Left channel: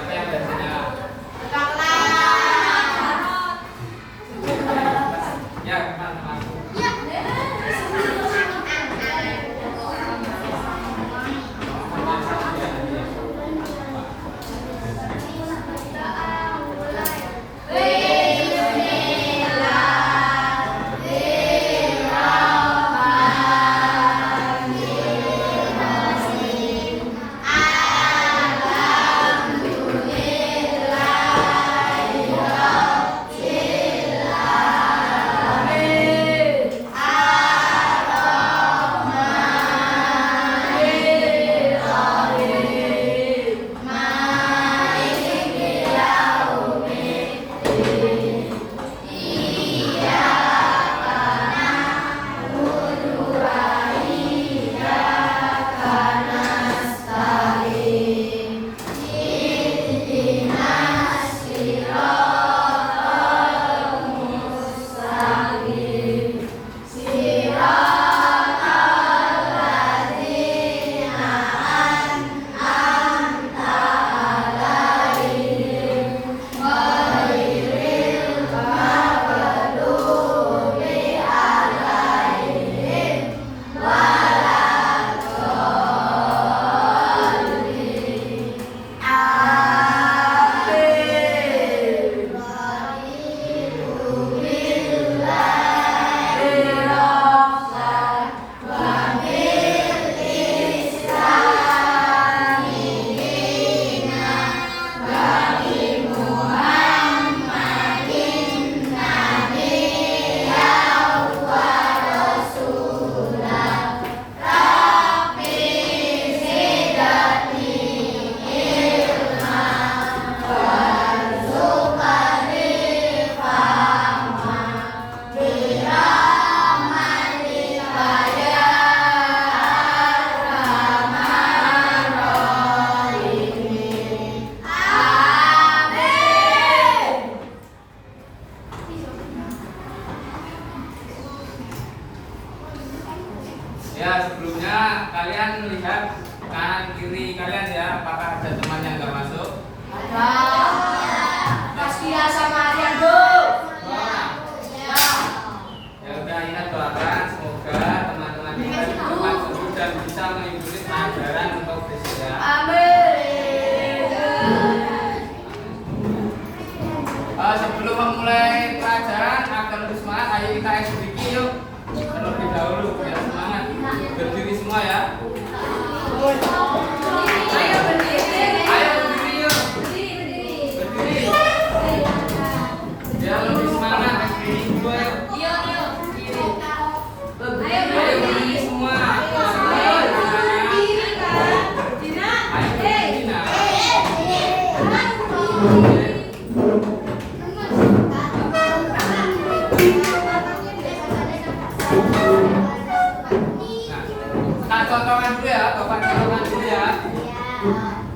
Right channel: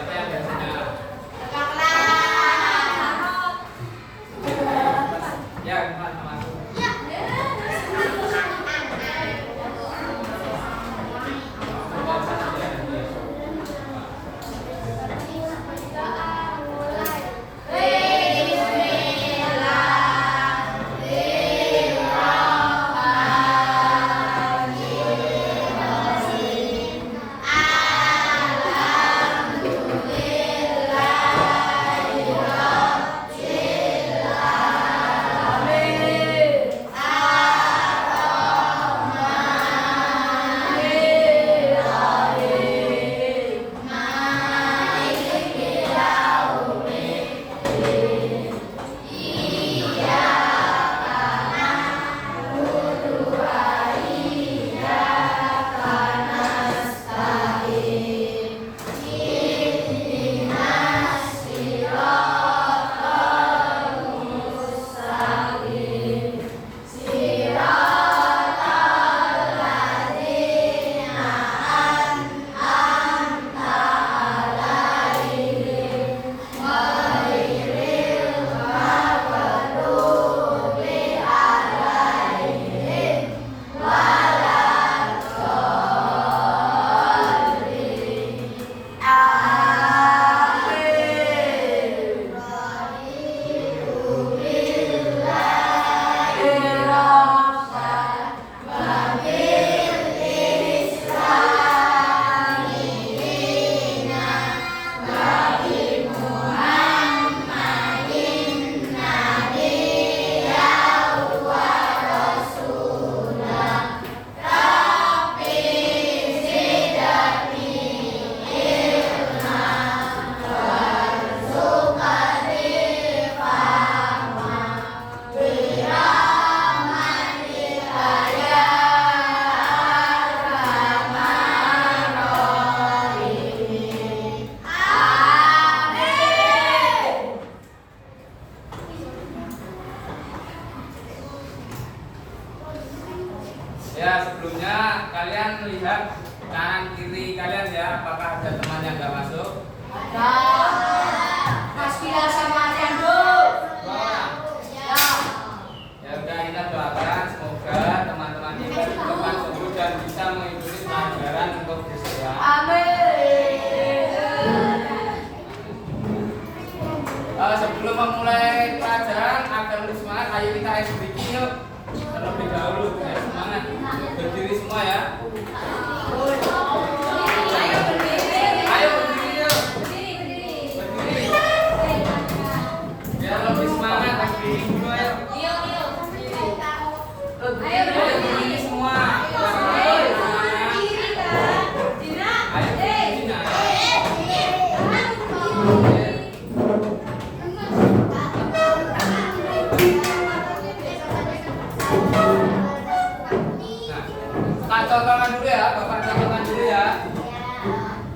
Siapa yang gajinya? Ya, teman-teman. Ya, sebelumnya kalian melihat kanan kiri kalian ya, apakah ada teman yang nggak masuk? Mas Kia sama Adrian, Bu. Ya udah, kita doakan semoga teman-teman kita diberikan sembuh dan bisa mengikuti pelajaran untuk besok ya. Amin. Sebelum memulai pelajaran agar lebih semangat, ayo kita sedikit yuk. Terlebih dahulu ya, semangat. Berdiri semua ya. Ayo berdiri. Ayo berdiri yuk. Berdiri. Biar lebih semangat berdiri semua ya. Ayo berdiri semua. Ayo berdiri nah. Nah, contohkan dulu ya, Bapak contohkan dulu ya.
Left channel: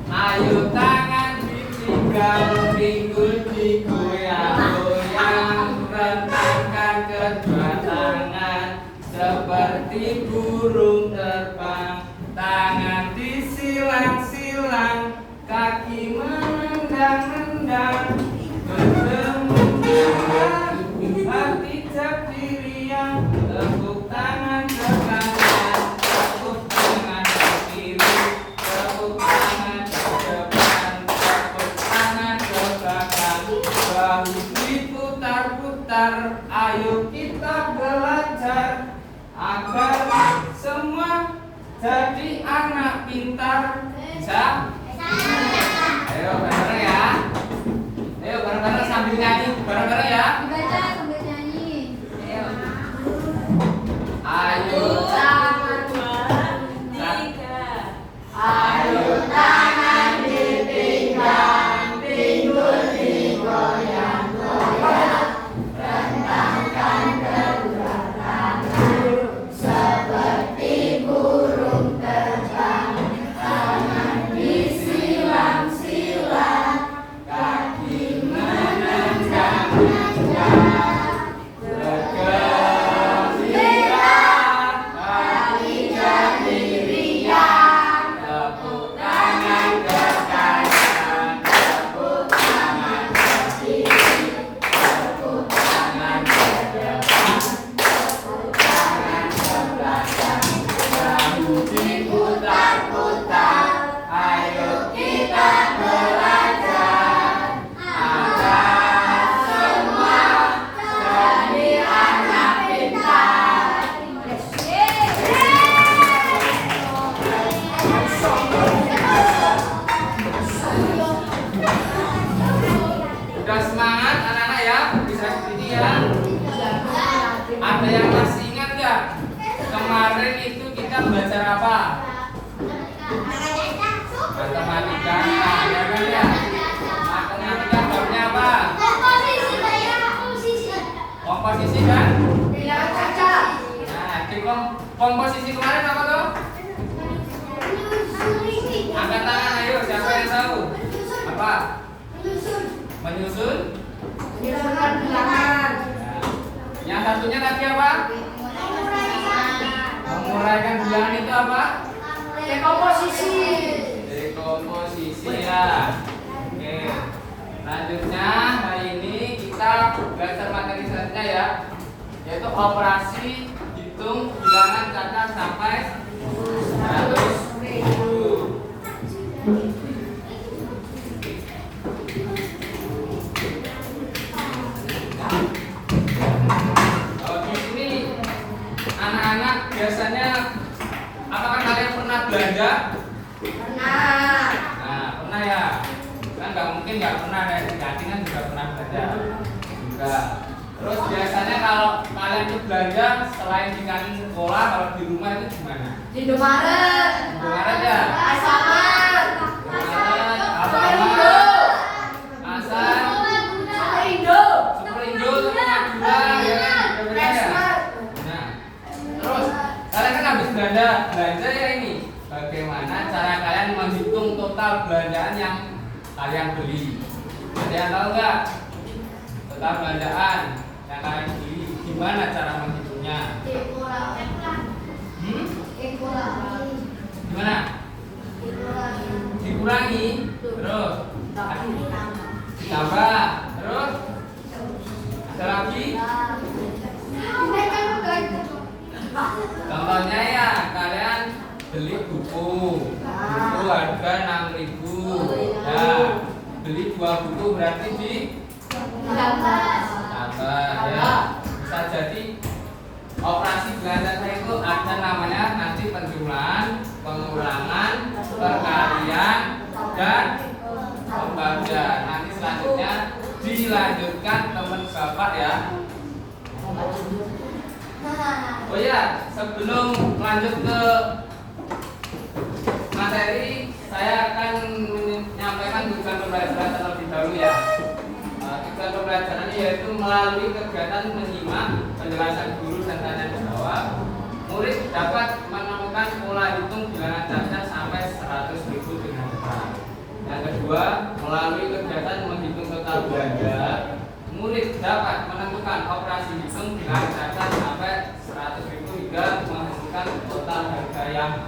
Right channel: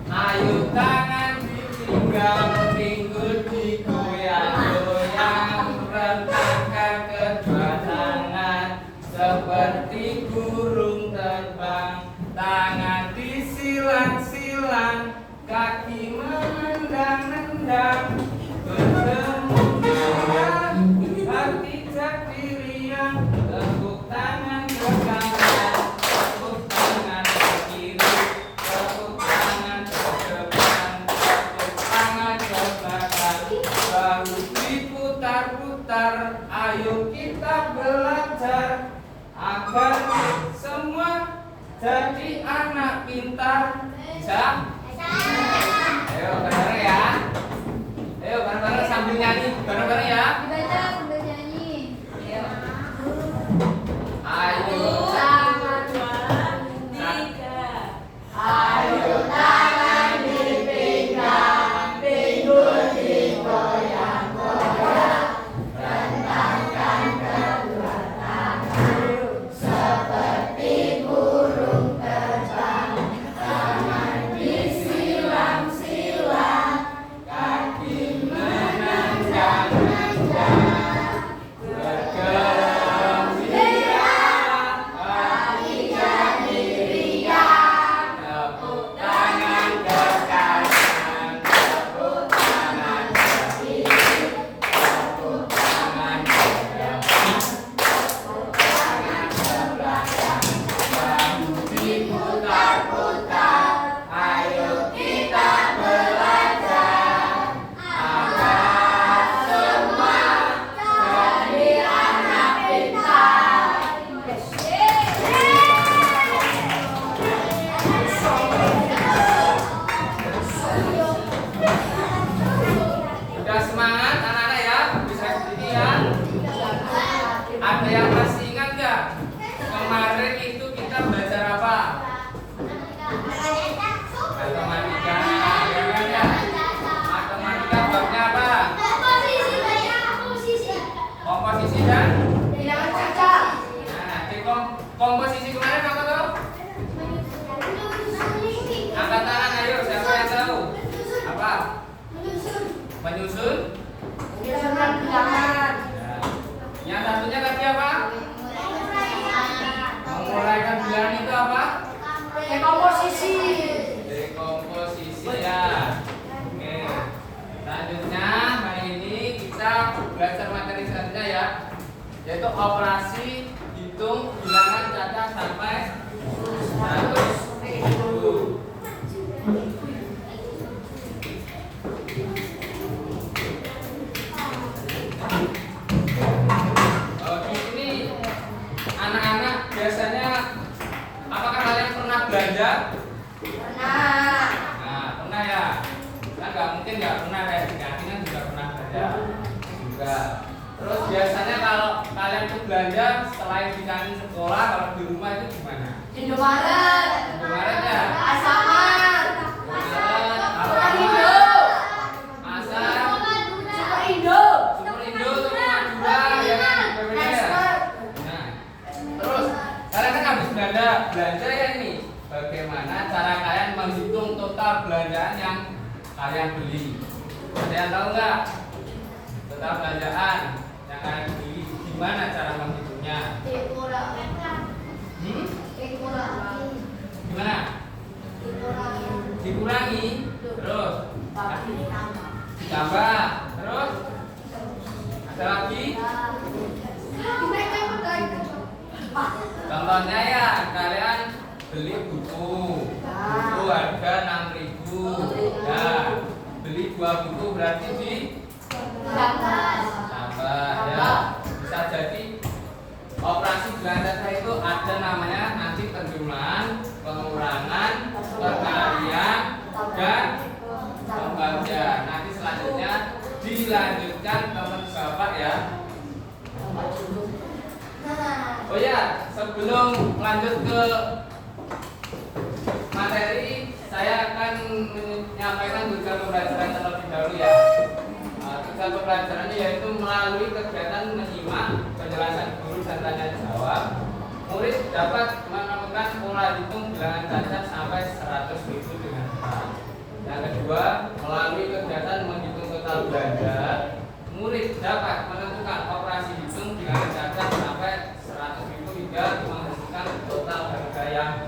Ayo tangan ditinggal, pinggul digoyang-goyang, rentangkan kedua tangan seperti burung terbang, tangan disilang-silang, kaki menendang-nendang, bertemu hati jadi riang, tepuk tangan ke kanan, tepuk tangan ke kiri, tepuk tangan ke depan, tepuk tangan ke belakang, bahu diputar-putar. Ayo kita belajar agar semua jadi anak pintar. Bisa? Ayo bareng-bareng ya. Ayo bareng-bareng sambil nyanyi bareng-bareng ya. Dibaca sambil nyanyi. Ayo Ayo tangan dipinggang, pinggul digoyang-goyang, rentangkan kedua tangan seperti burung terbang, tangan disilang-silang, kaki menendang. Menyusun. Menyusun bilangan. Ya. Yang satunya tadi apa? Menguraikan bilangan itu apa? Dekomposisi. Dekomposisi ya. Oke. Selanjutnya hari ini kita belajar materi selanjutnya ya, yaitu operasi hitung bilangan cacah sampai 100.000. Di sini anak-anak biasanya apakah kalian pernah belanja? Pernah. Nah, pernah ya. Kan nggak mungkin nggak pernah, kayak di kantin kan juga pernah belanja juga. Terus biasanya kalau kalian tuh belanja selain di kantin sekolah, kalau di rumah itu gimana? Di Indomaret. Indomaret ya? Asaman. Apa? Asal Superindo. Superindo tuh Madura ya kan? Beda-beda ya? Nah, terus kalian kan habis belanja ya ini. Bagaimana cara kalian menghitung total belanjaan yang kalian beli? Ada yang tahu nggak? Total belanjaan yang kalian beli, gimana cara menghitungnya? Gimana? Dikurangi, terus ditambah, terus ada lagi? Contohnya ya, kalian beli buku harga 6.000 ya, beli 2 buku berarti tambah ya. Bisa jadi operasi belanja itu ada namanya nanti penjumlahan, pengurangan, perkalian, dan pembagian. Nanti selanjutnya dilanjutkan teman bapak ya. Oh ya, sebelum lanjut ke materi, saya akan menyampaikan tujuan pembelajaran terlebih dahulu ya. Tujuan pembelajaran yaitu melalui kegiatan menyimak penjelasan guru dan tanya jawab, murid dapat menemukan pola hitung bilangan cacah sampai 100.000 dengan cepat. Yang kedua, melalui kegiatan menghitung total belanja, murid dapat menentukan operasi hitung bilangan cacah sampai 100.000 hingga menghasilkan total harga yang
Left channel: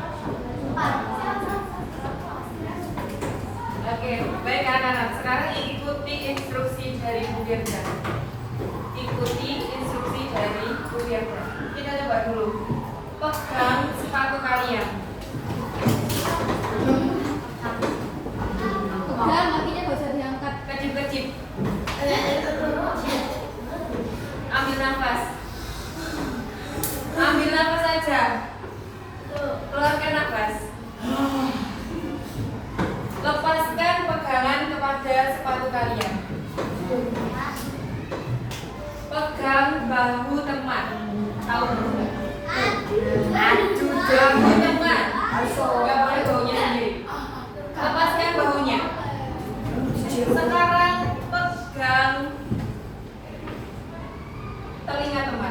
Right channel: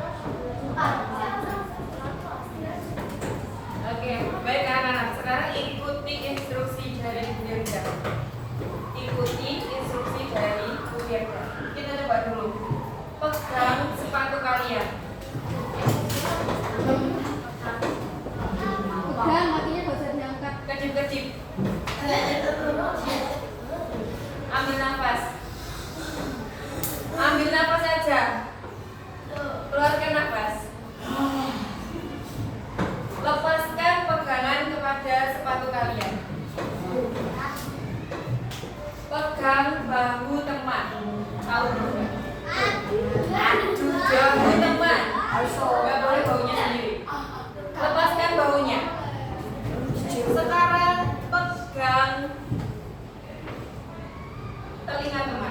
Oke, baik anak-anak. Sekarang ikuti instruksi dari Bu Dirga. Ikuti instruksi dari Bu Dirga. Kita coba dulu. Pegang sepatu kalian. Pegang, kakinya gak usah diangkat. Kecip-kecip. Ambil nafas. Ambil nafas saja. Keluarkan nafas. Lepaskan pegangan kepada sepatu kalian. Pegang bahu teman. Tahu enggak? Bahu teman. Enggak boleh bahunya sendiri. Lepaskan bahunya. Sekarang pegang telinga teman.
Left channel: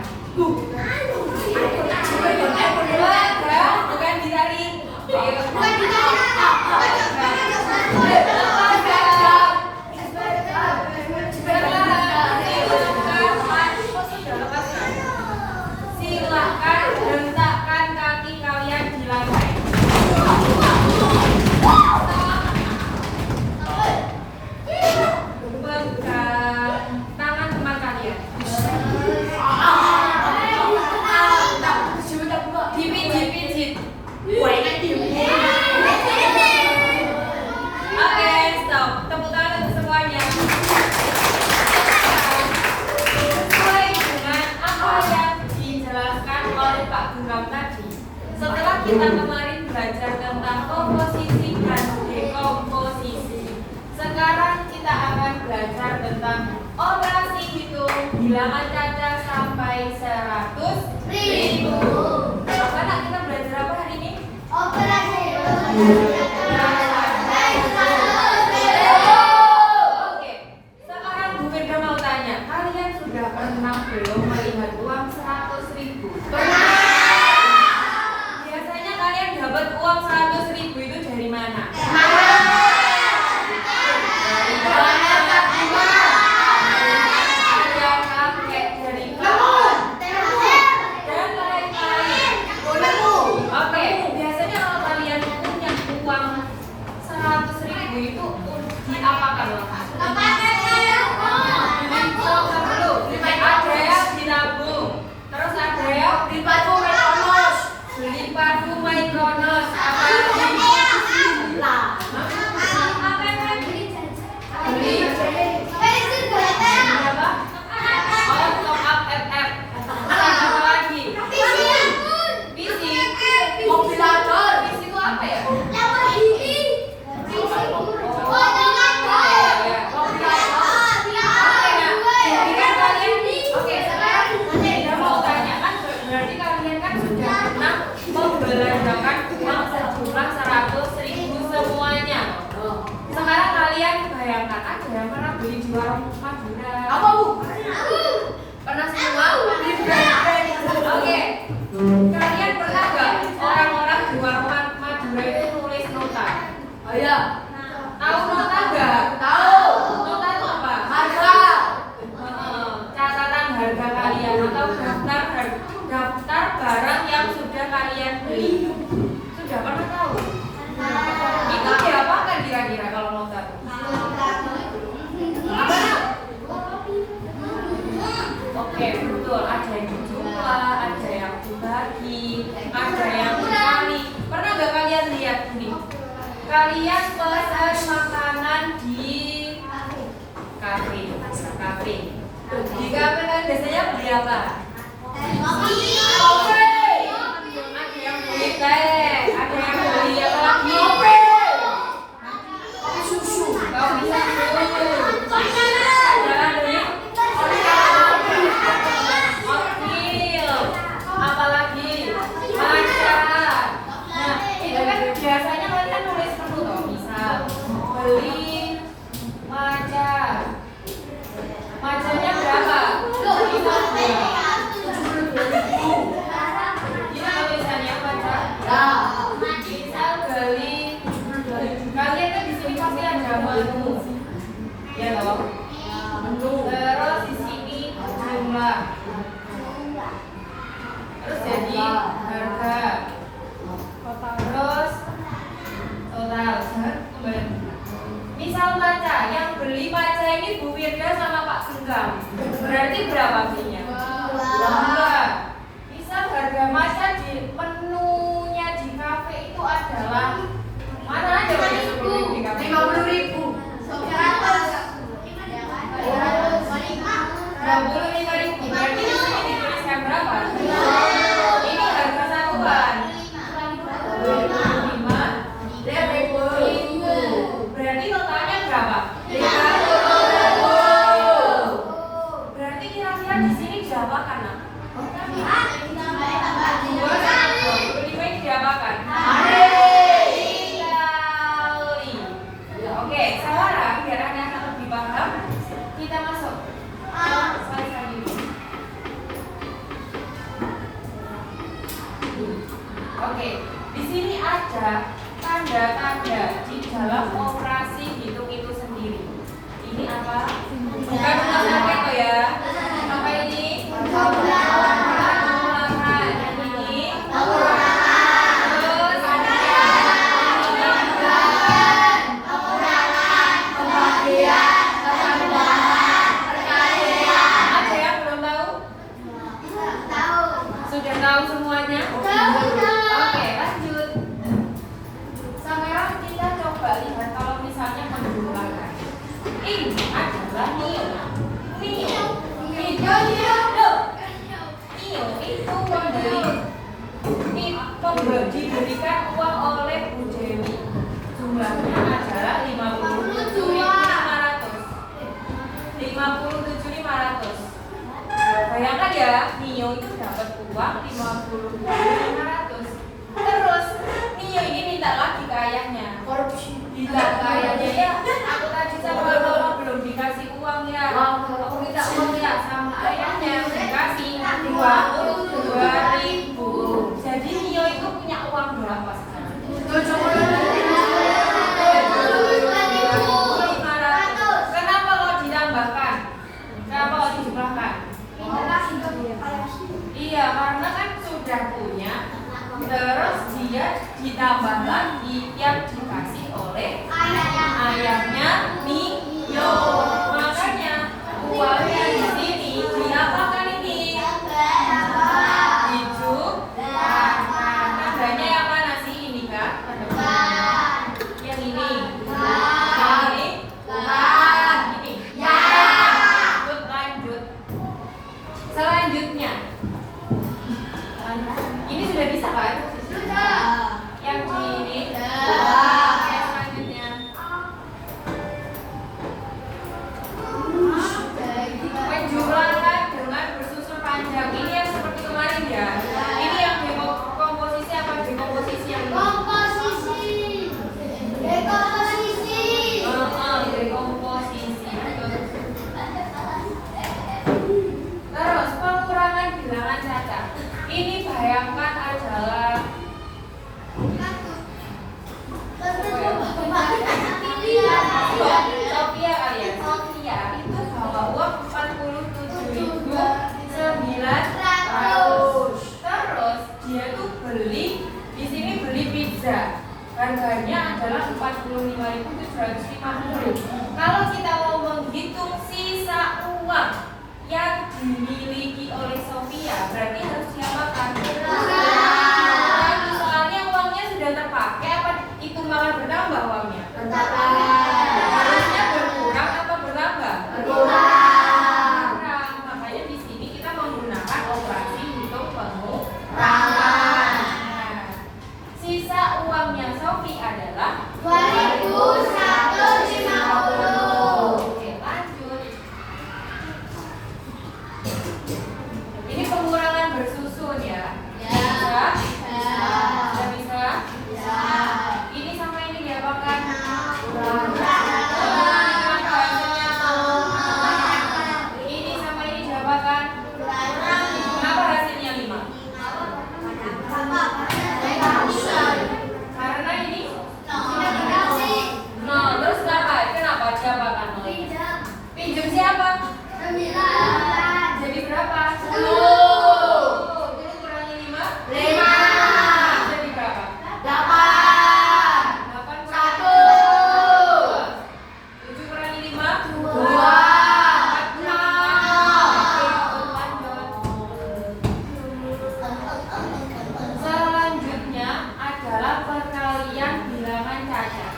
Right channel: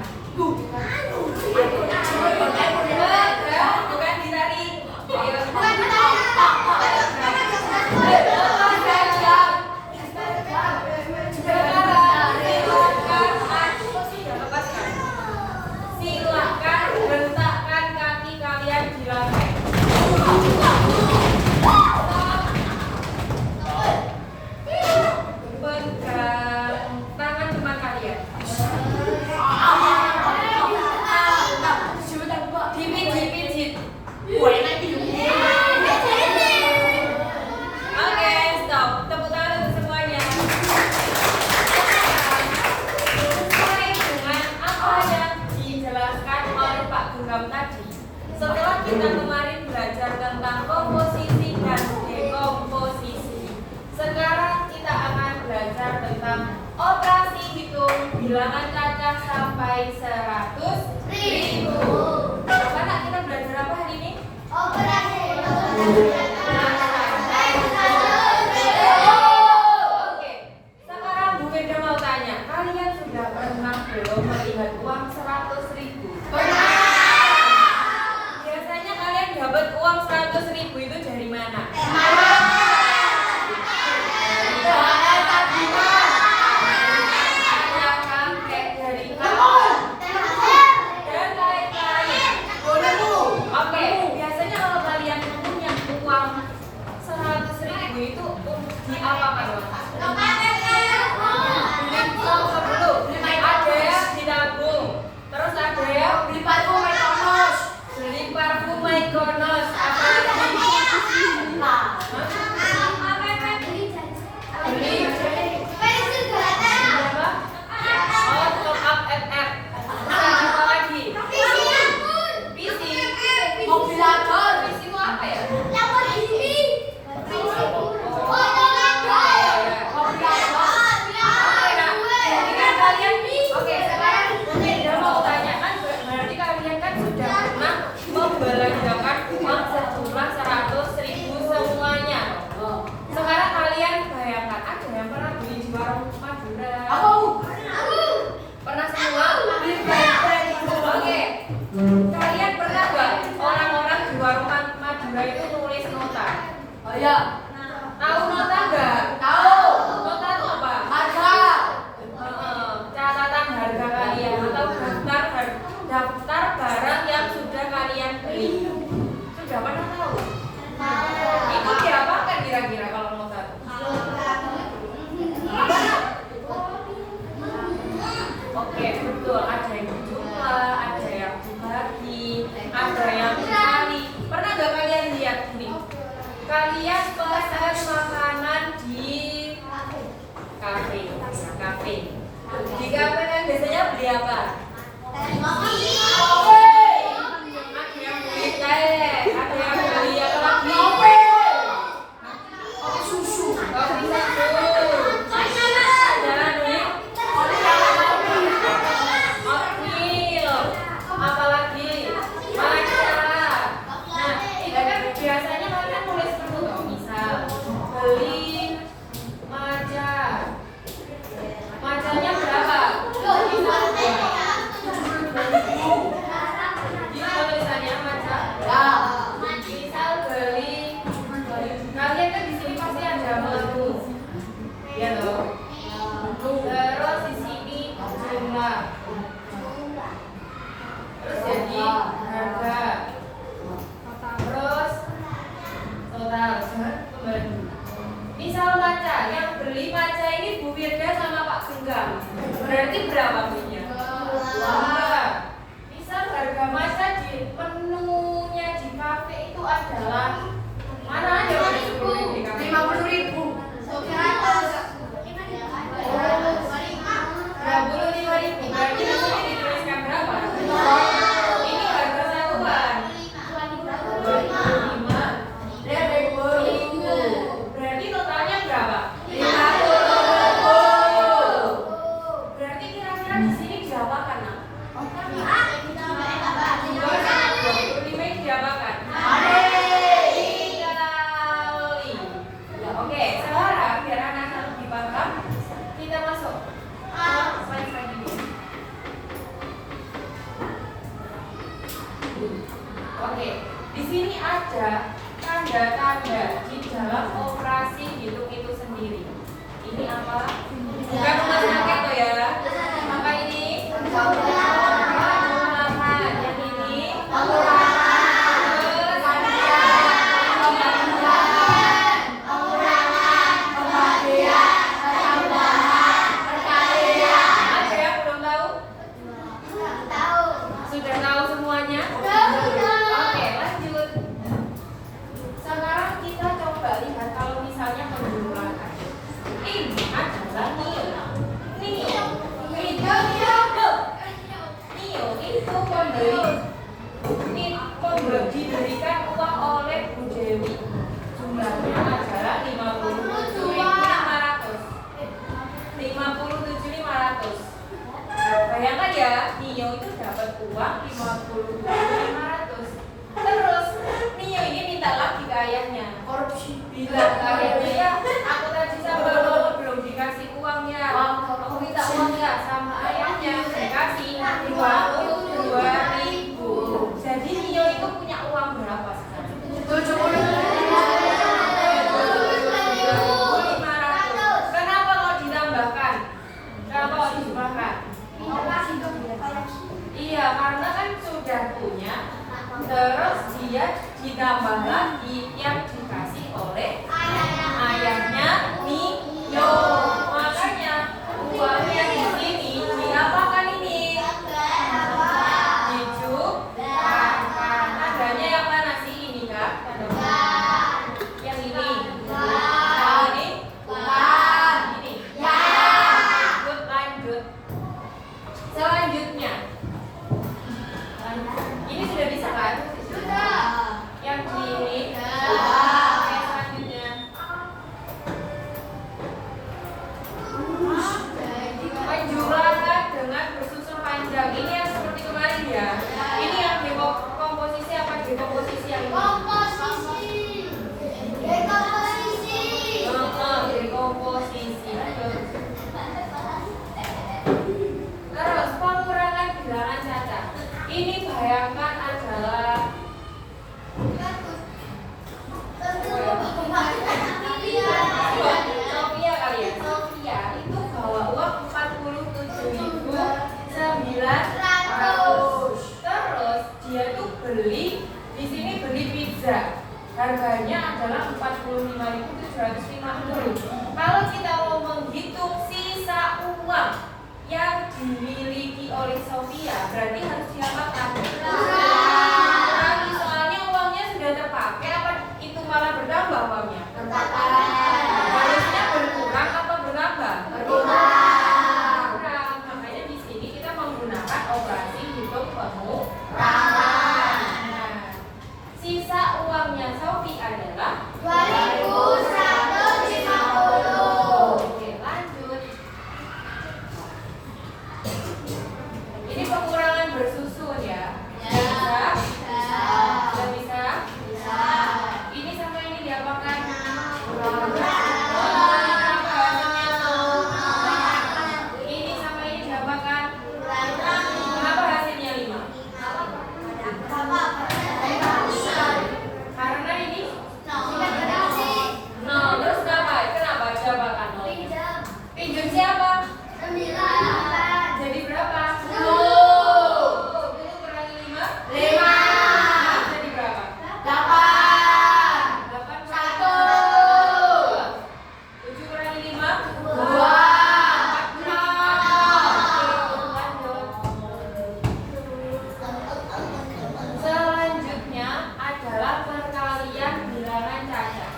Bukan ditarik. Silakan hentakkan kaki kalian di lantai. Pegang tangan teman kalian. Dipijit-pijit. Oke, stop. Tepuk tangan untuk semuanya. Sesuai dengan apa yang dijelaskan oleh Pak Guram tadi. Setelah kita kemarin belajar tentang komposisi dan dekomposisi, sekarang kita akan belajar tentang operasi hitung bilangan cacah sampai 100.000. Anak kita belajar apa hari ini? Oke, sekarang Bu Firda mau tanya, kalian sudah pernah belum melihat uang 100.000? Biasanya kalian dapat uang 100.000 itu dari mana? Dari mana? Ada yang ditabung. Terus ada yang beli parfum Mykonos. Beli parfum Mykonos. Apa lagi? Beli apa? Oh, top up FF. Terus apa lagi? Visi. Mobilator. Visi itu apa ya? Oke, sekarang Bunda mau tanyakan, berarti kalian kan sudah pernah membelanjakan uang sejumlah 100.000 semuanya. Sekarang kalian bayangkan, ada yang pernah beli di warung Madura? Pernah semua? Oke. Kalian pernah nggak orang-orang di warung Madura itu nulis nota? Tahu nota nggak? Nota itu apa? Catatan harga kalian atau daftar barang yang sudah kalian beli. Sudah pernah tahu? Itu diapakan kira-kira kalau nota itu? Apa? Oke, betul. Ada yang dijumlah, ada yang dibagi, ada yang dikali. Pernah nggak kalian lihat ini? Kalian pesan makanan di kafe. Di kafe kan biasanya beli apa? Ada yang beli teh, ada yang beli apa lagi? Kopi susu. Oatmeal. Apalagi? Matcha. Nah, itu kan biasanya kalian nulis dulu toh, misal beli matcha. Matchanya berapa? Ini tulisannya matcha. Misal beli, kalian kan di sini pasti ada menu, ya toh? Terus di sini jumlah. Terus jadi harga. Terus total. Misal matcha, yang beli matcha ini Bu Wirda sama Pak Senggang. Berarti berapa fee-nya? 2. Misal harga matcha di menunya di kafe itu adalah mana aja Pak? 10.000 di kafe? 50.000. 25.000. Berarti di sini dituliskan berapa? Ini harga satuan. 25.000. Berarti totalnya berapa? 50.000. Berarti kira-kira di sini diapakan, Nak? 25 diapakan? Dikali. Oke, sekarang biar anak-anak lebih paham, kita masuk. Slide dulu. Oke, di sini ada tanda-tanda di dalam operasi hitung itu sendiri. Ini apa? Bukan tulis pakai kok ya. Apa ini? Pengolahan. Dan ini? Terus ada yang belum tahu? Sudah tahu semuanya? Oke, lanjut. Sekarang kita coba lihat kalau misalnya penjumlahan. Ini adalah NIO. NIO itu diberikan uang oleh Bu Dewi. Jumlahnya adalah 57.500. 57.500. Bayangkan ya, NIO itu dapat uang 57.500. Terus NIO ini minta lagi ke ayahnya. Bilang ke ayahnya, ya aku tadi sama mama belum dikasih uang ya. Aku minta uang ya, sama ayahnya dikasih 22.000. Jadi NIO itu punya uang berapa sekarang? 57.500. Kenapa kalau ditambahkan? Kenapa kalau dijumlahkan? Iya, karena kan sudah punya harganya adalah 45.750. Kalau kita mau menghitung sisa uang yang dimiliki oleh Sophia, berarti harus diapakan? Soalnya uangnya sudah terpakai, apa itu malah bertambah uangnya? Harusnya berkurang apa bertambah? Berkurang. Makanya di sini kita menggunakan operasi hitung pengurangan. Sisa uangnya Sophie adalah 2.150. Oke, lanjut. Ini pengurangan bersusun ya. Bisa? Sudah bisa? Ini sama ini diapakan? Kenapa hasilnya? Ini sama ini diapakan? Kenapa hasilnya 5? Karena ini nol. Terus kenapa diapakan nol? Pinjam siapa? Jadi berapa? 10. 10 kurangi 5? 5. Jadi berapa? 8 1. 7 kurangi 5? 2. Selanjutnya adalah perkalian bilangan cacat.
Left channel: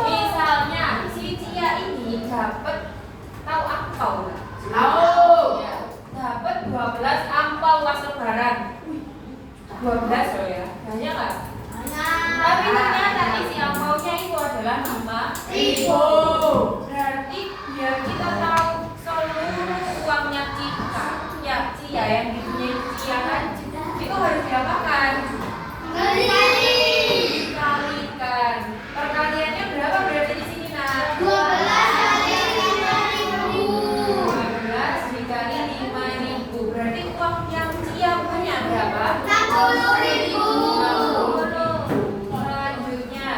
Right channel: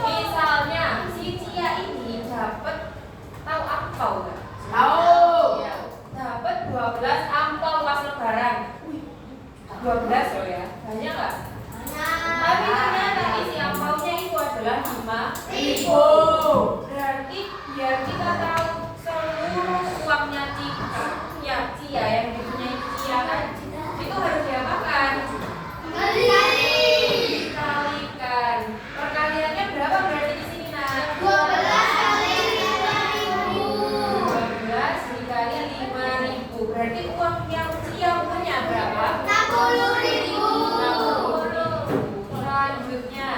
Misalnya si Cia ini dapat tahu angpau nggak? Tahu. Ya, dapat 12 angpau pas lebaran. 12 loh ya, banyak nggak? Tapi ternyata isi angpaunya itu adalah 5.000. Berarti biar kita tahu seluruh uangnya Cika, ya Cia yang dipunyai Cia kan, itu harus diapakan? Dikalikan. Perkaliannya berapa berarti di sini nak? 12 dikali 5.000. Berarti uang yang Cia punya berapa? 60.000. Selanjutnya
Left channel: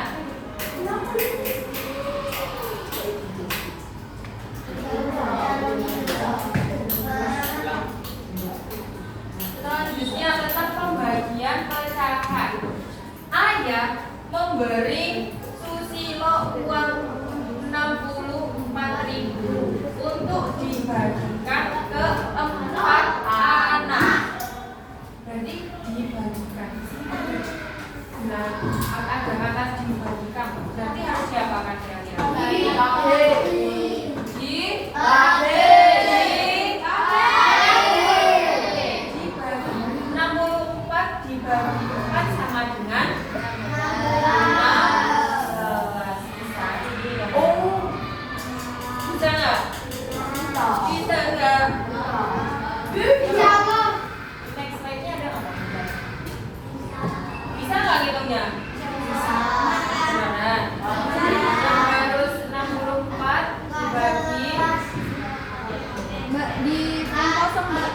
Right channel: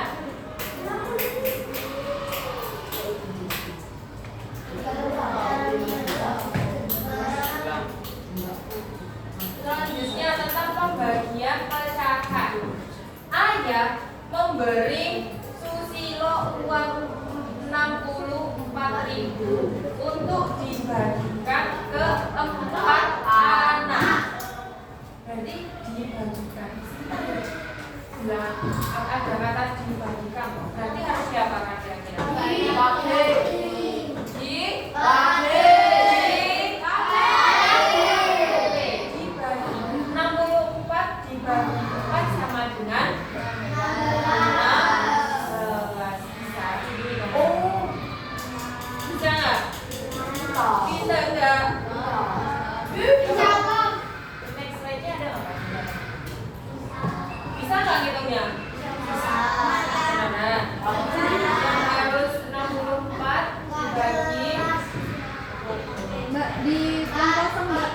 Selanjutnya tentang pembagian pecahan. Ayah memberi Susilo uang 64.000 untuk dibagikan ke 4 anak. Berarti dibagikan. Nah, ada kata dibagikan. Berarti harus diapakan kira-kira? Dibagi 64 dibagi 4 sama dengan 15. Bisa jadi ya. Bisa nggak? Bisa nggak? Next slide-nya ada nggak? Bisa nggak ngitungnya? Gimana? Yang harus 64 dibagi Mbak di kosong Mbak.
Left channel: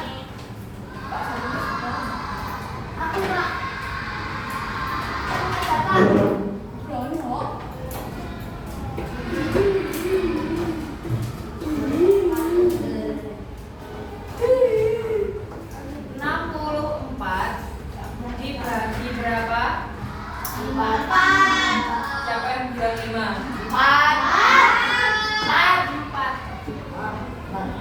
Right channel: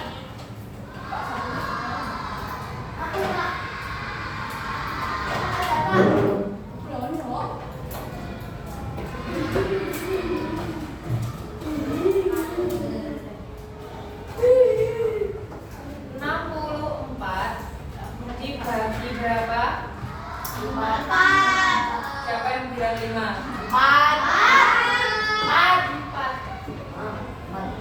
dibagi berapa? Siapa yang bilang 5? 4.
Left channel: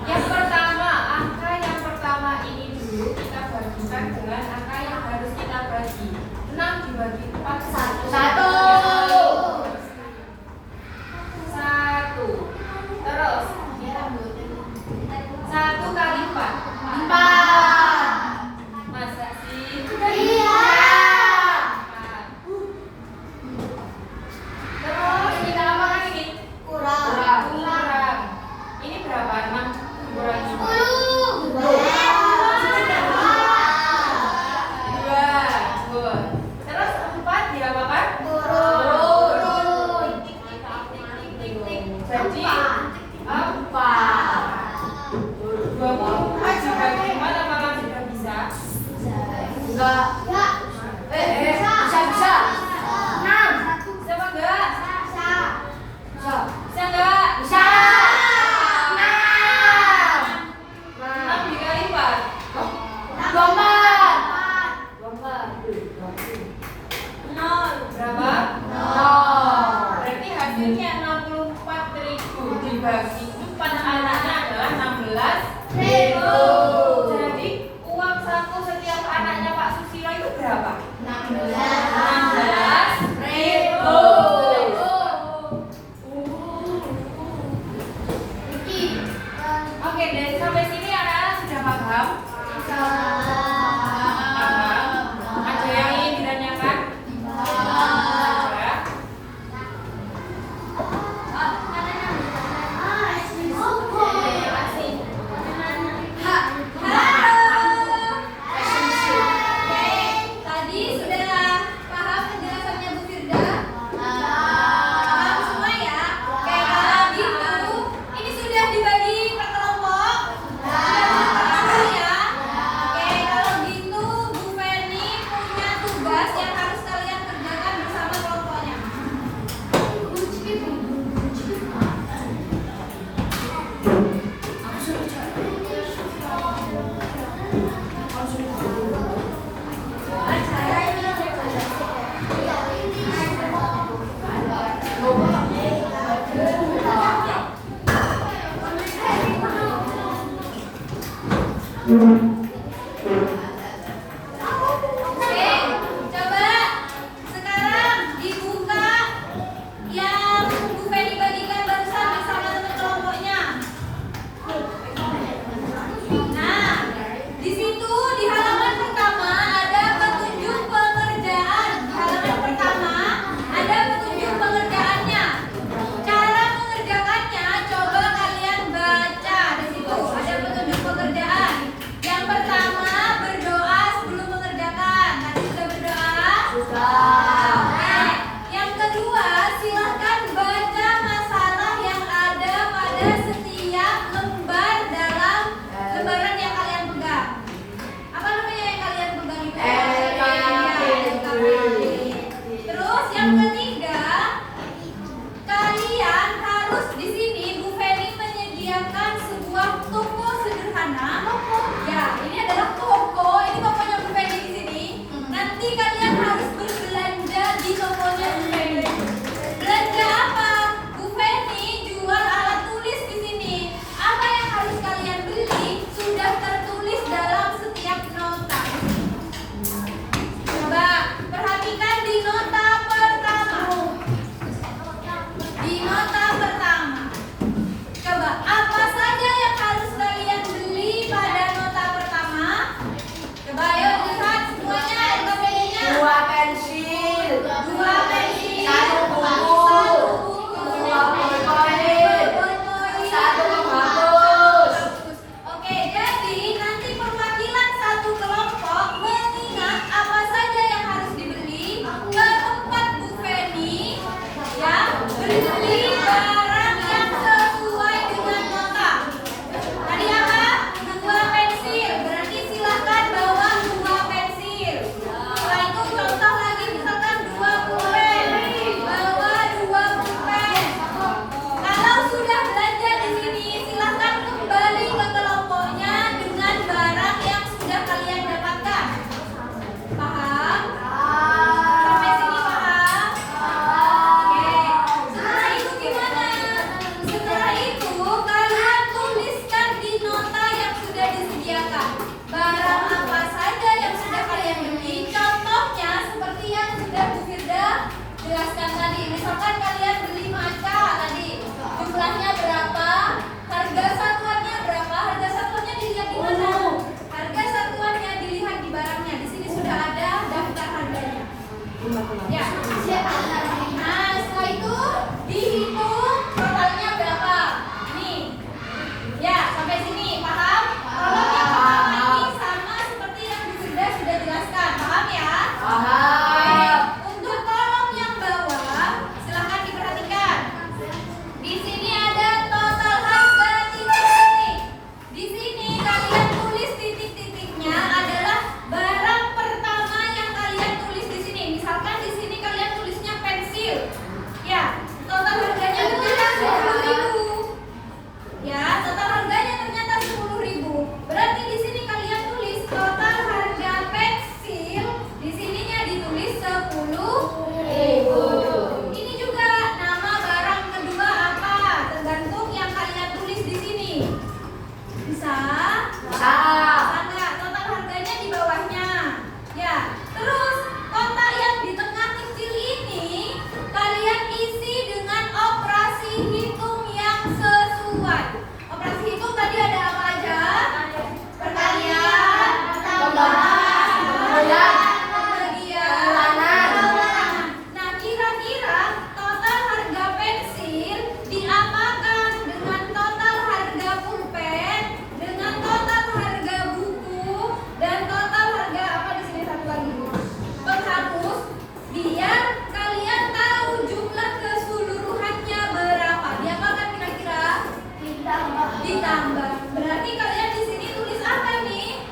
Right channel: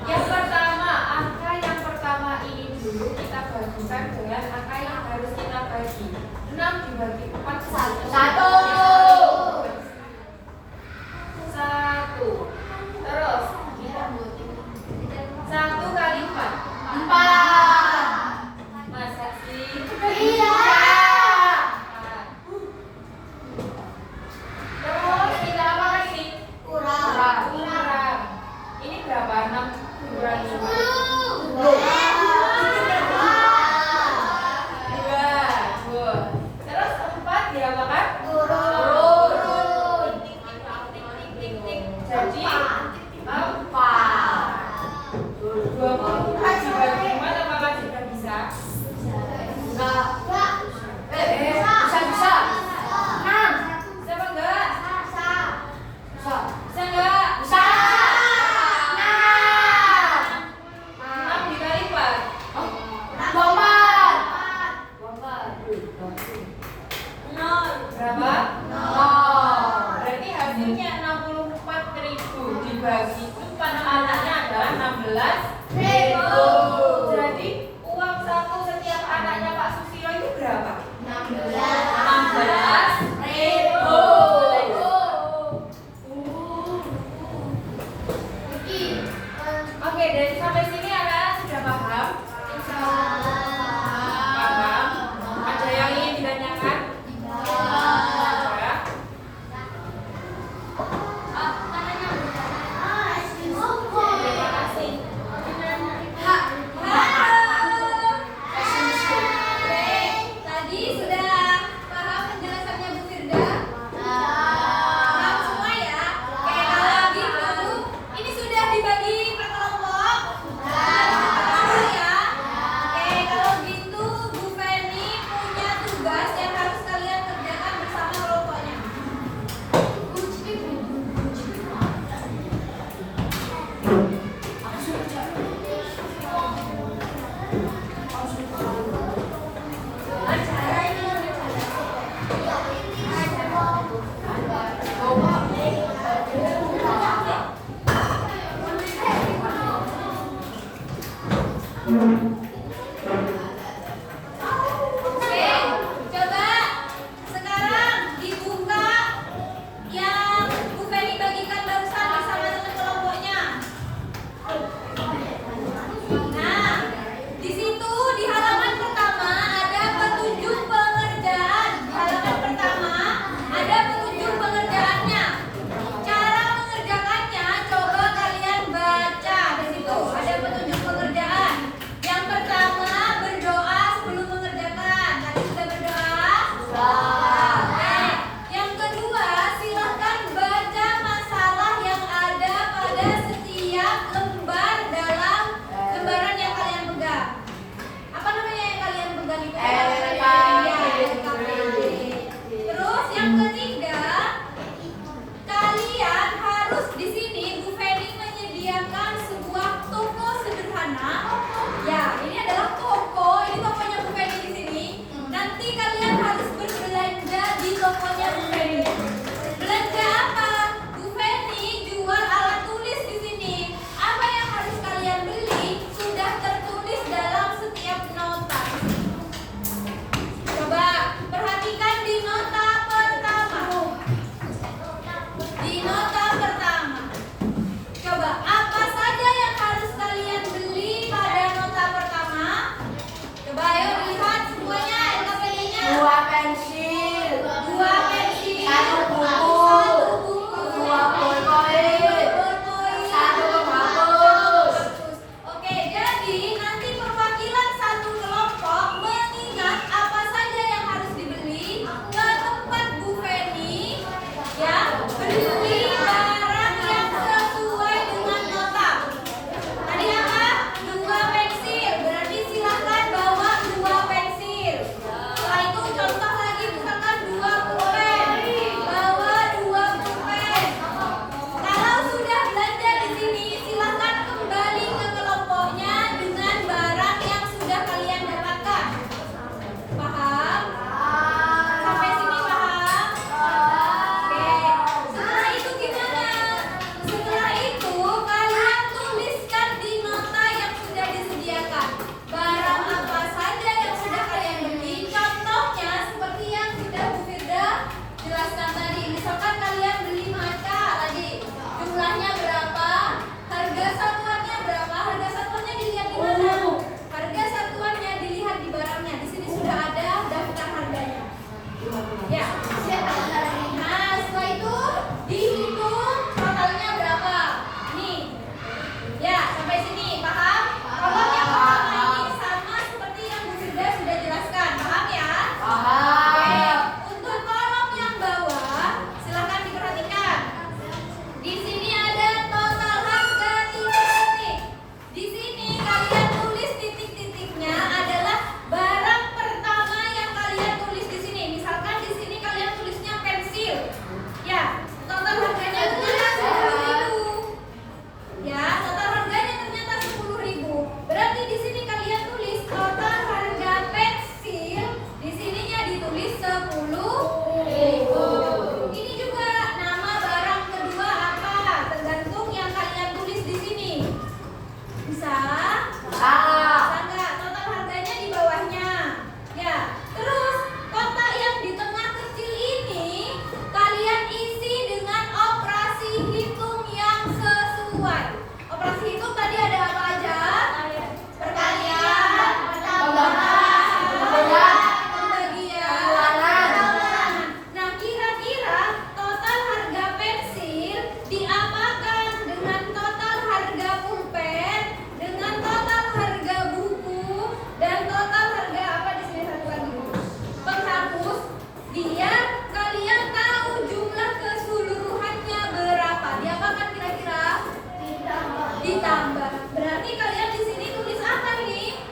Yang pertama, angka yang pertama ini dulu kita bagikan dengan angka yang harus kita bagi. 6 dibagi 4 1. Terus 1 kali 4. Masa sih? Terus kita apakan ini? Kurang. Ini berapa? 6 kurangi 2. Terus 4 diapakan? anaknya adalah 16.000. Jadi uang saku setiap anaknya Pak Susilo itu berapa? 16.000. Oke, dari sampai sini anak-anak sudah paham? Paham? Ada yang ingin ditanyakan? Ada? Terima kasih. Tadi sudah paham penjelasannya Bu Firda? Paham semua ya? Oke, kalau gitu ini sudah dibagi per kelompok? Sudah ya? Oke, kalau gitu Bu Feni punya tugas yang harus kalian kerjakan bersama kelompoknya. Oke, coba sekarang dibuka yang Bu Feni bagikan barusan bersama teman kelompoknya. Nah, di situ di halaman pertama ada petunjuk pengerjaan. Di halaman pertama ada petunjuk pengerjaannya. Cara mengerjakannya coba kalian baca di situ. Ada petunjuk pengerjaan. Yang pertama Ditambah. Berarti kalian di sini tulis apa ini?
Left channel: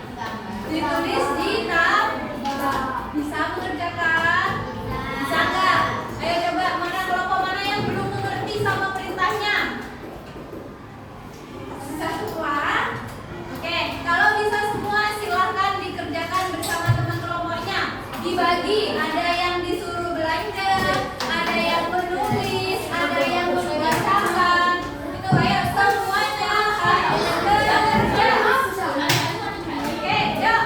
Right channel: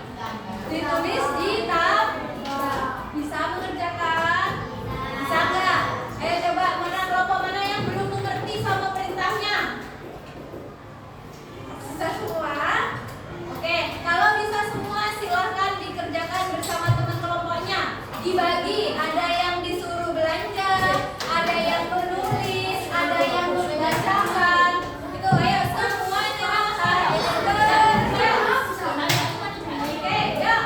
Ditulis ditambah. Bisa mengerjakan? Bisa nggak? Ayo coba, mana kelompok mana yang belum mengerti sama perintahnya? Bisa semua? Oke, kalau bisa semua silahkan dikerjakan bersama teman kelompoknya. Dibagi, ada yang disuruh belanja, ada yang menulis, ada yang membacakan. Itu ayo semuanya harus bekerja. Oke, yuk.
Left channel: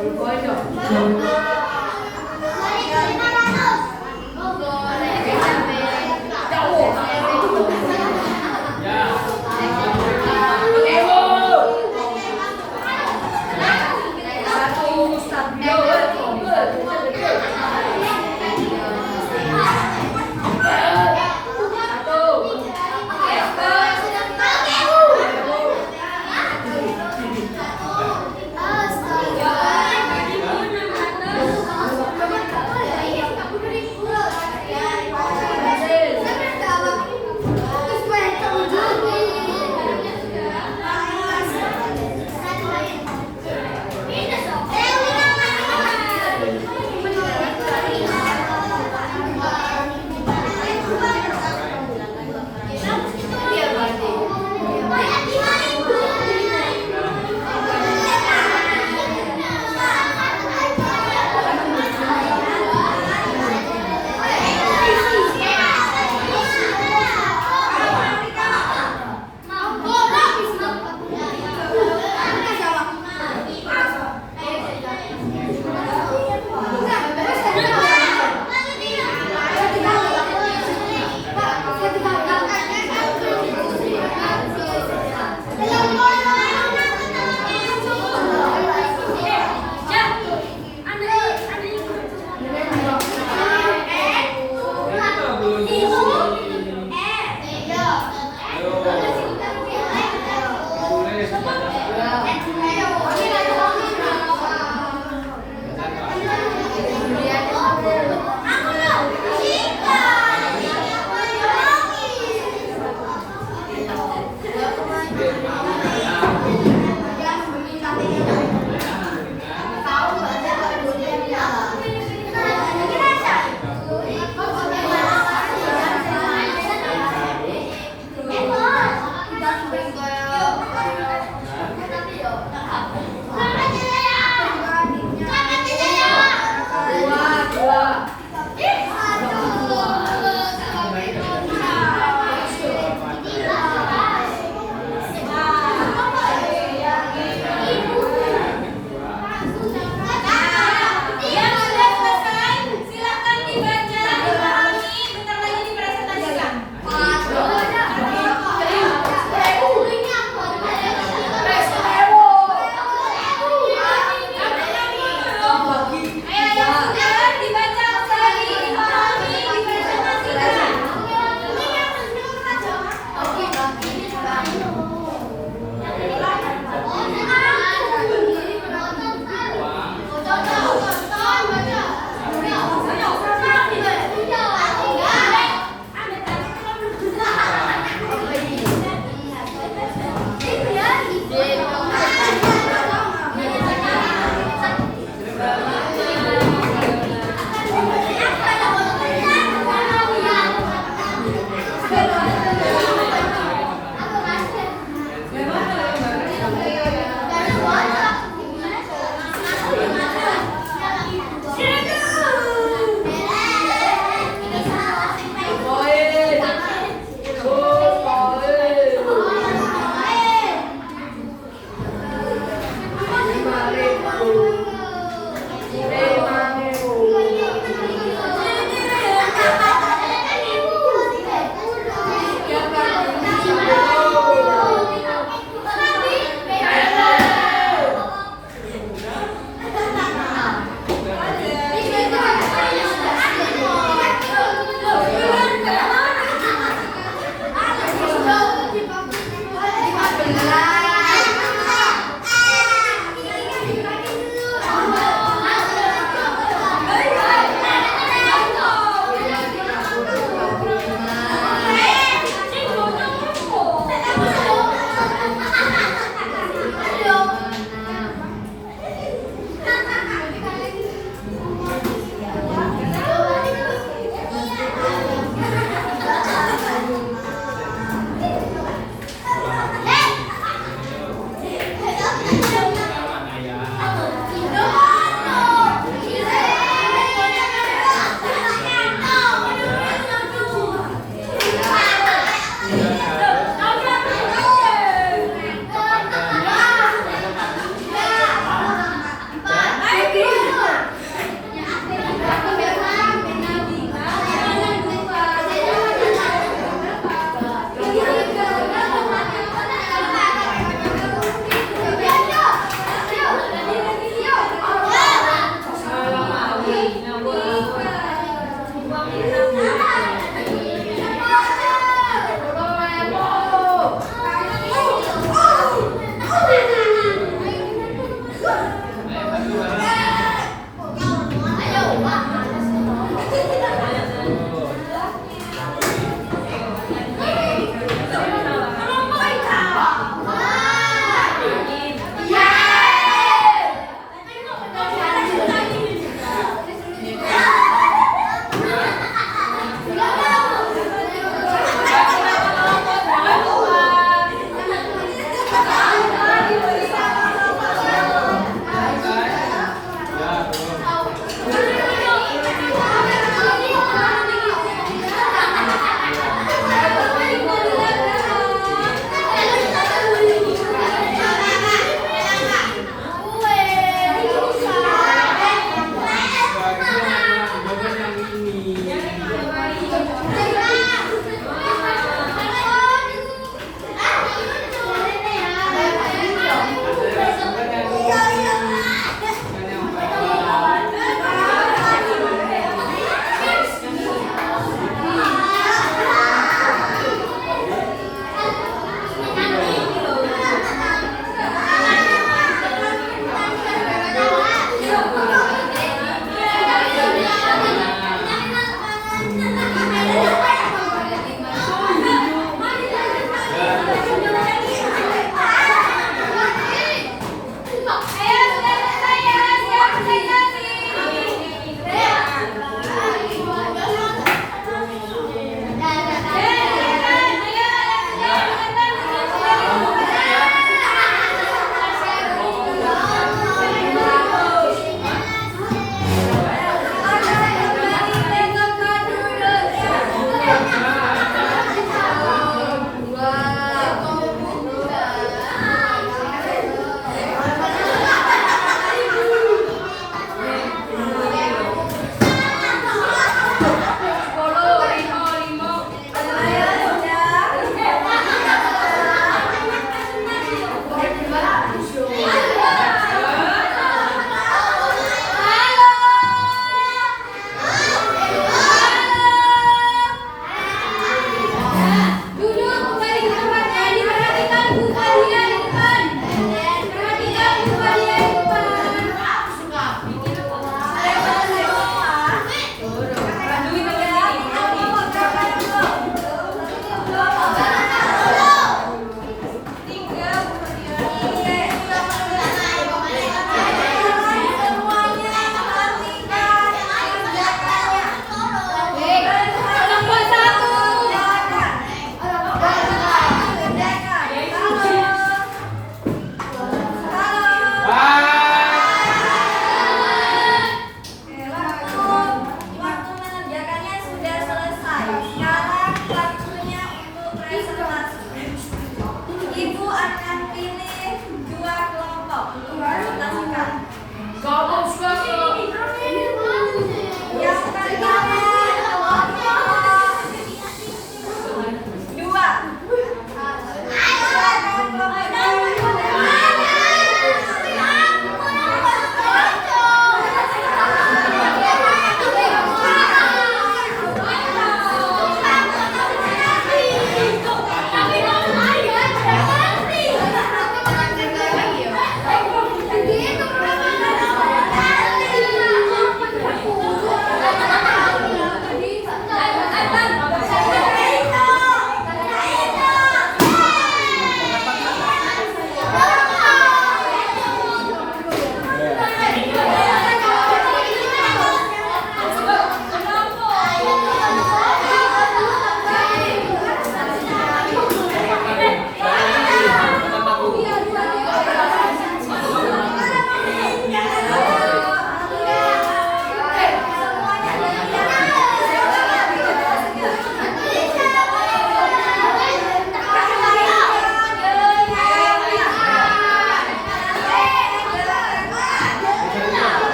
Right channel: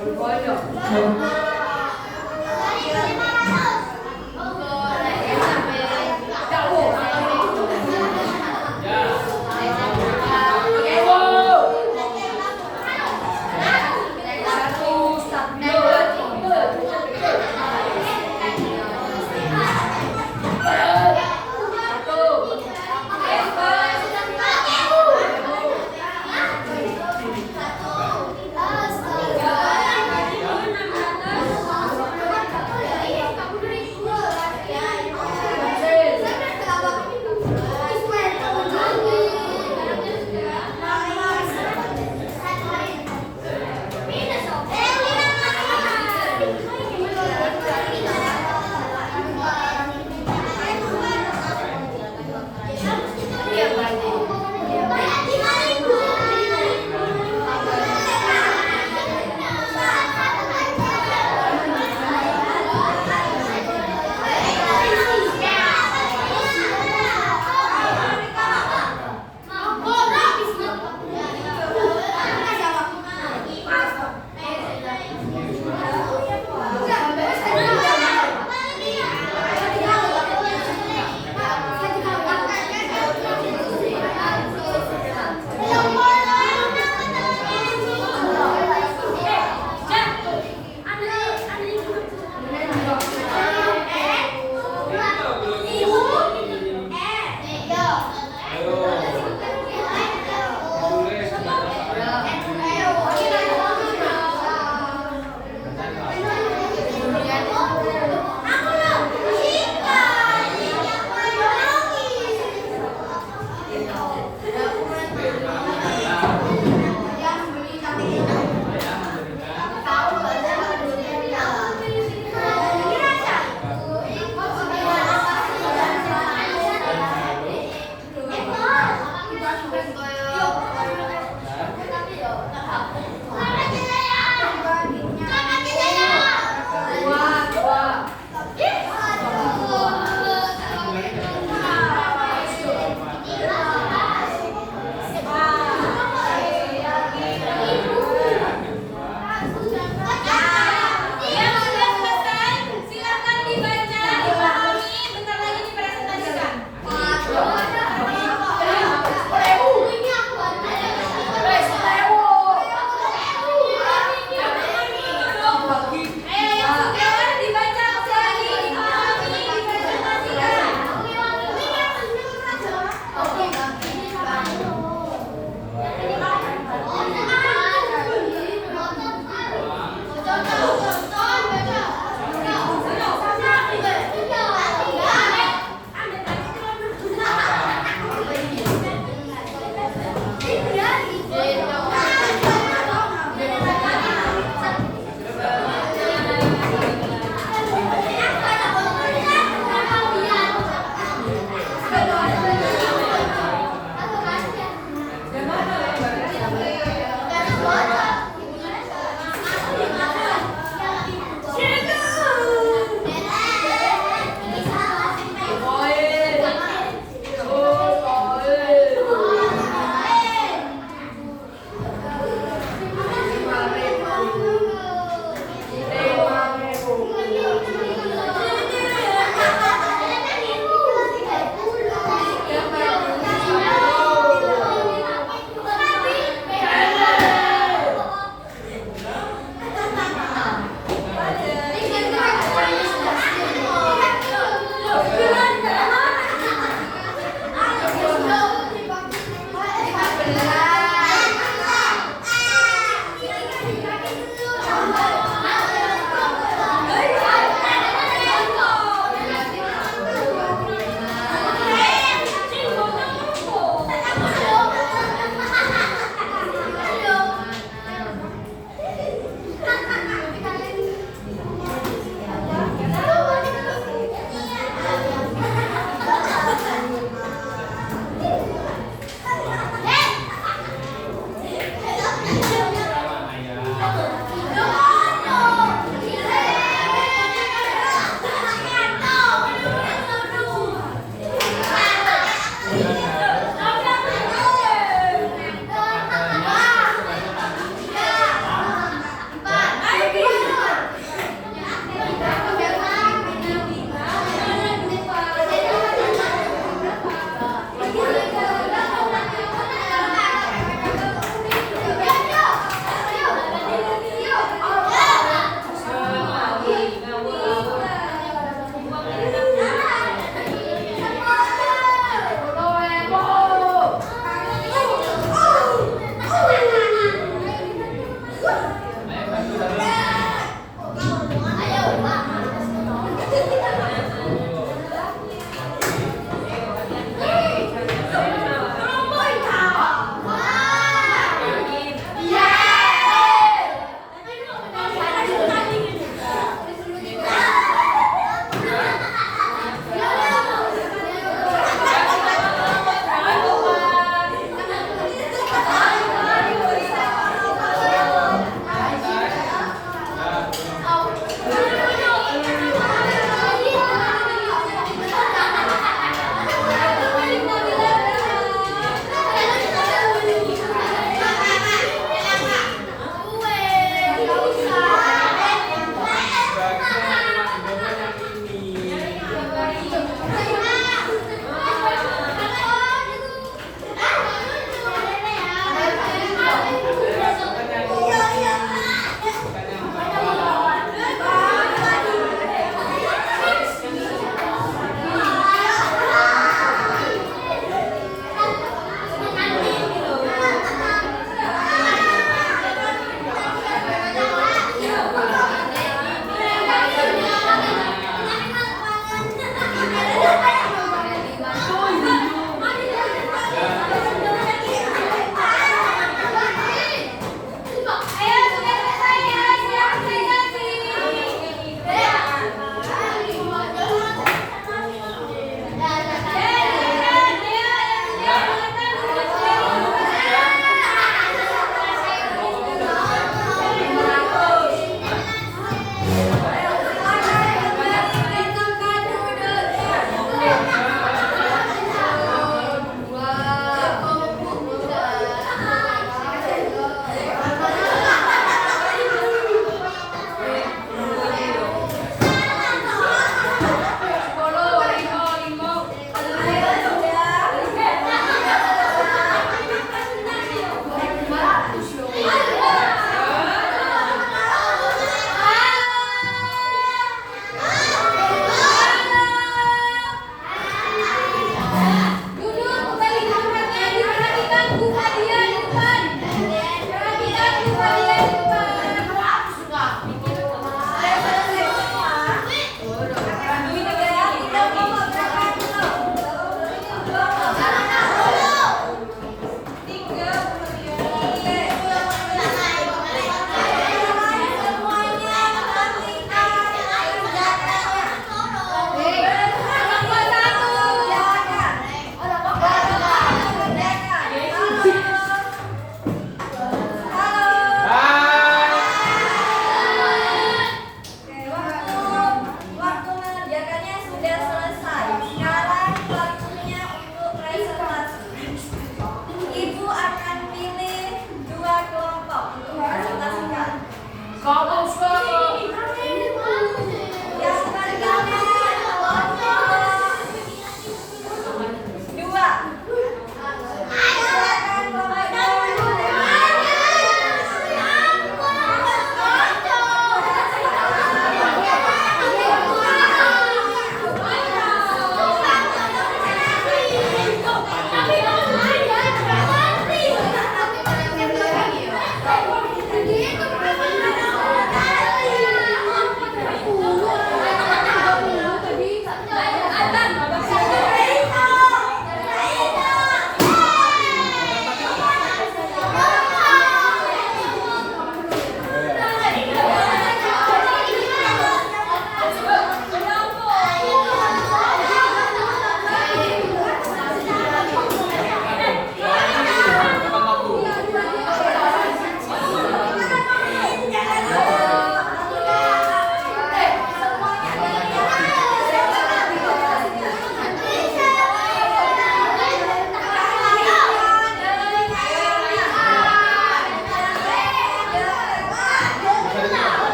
Ya.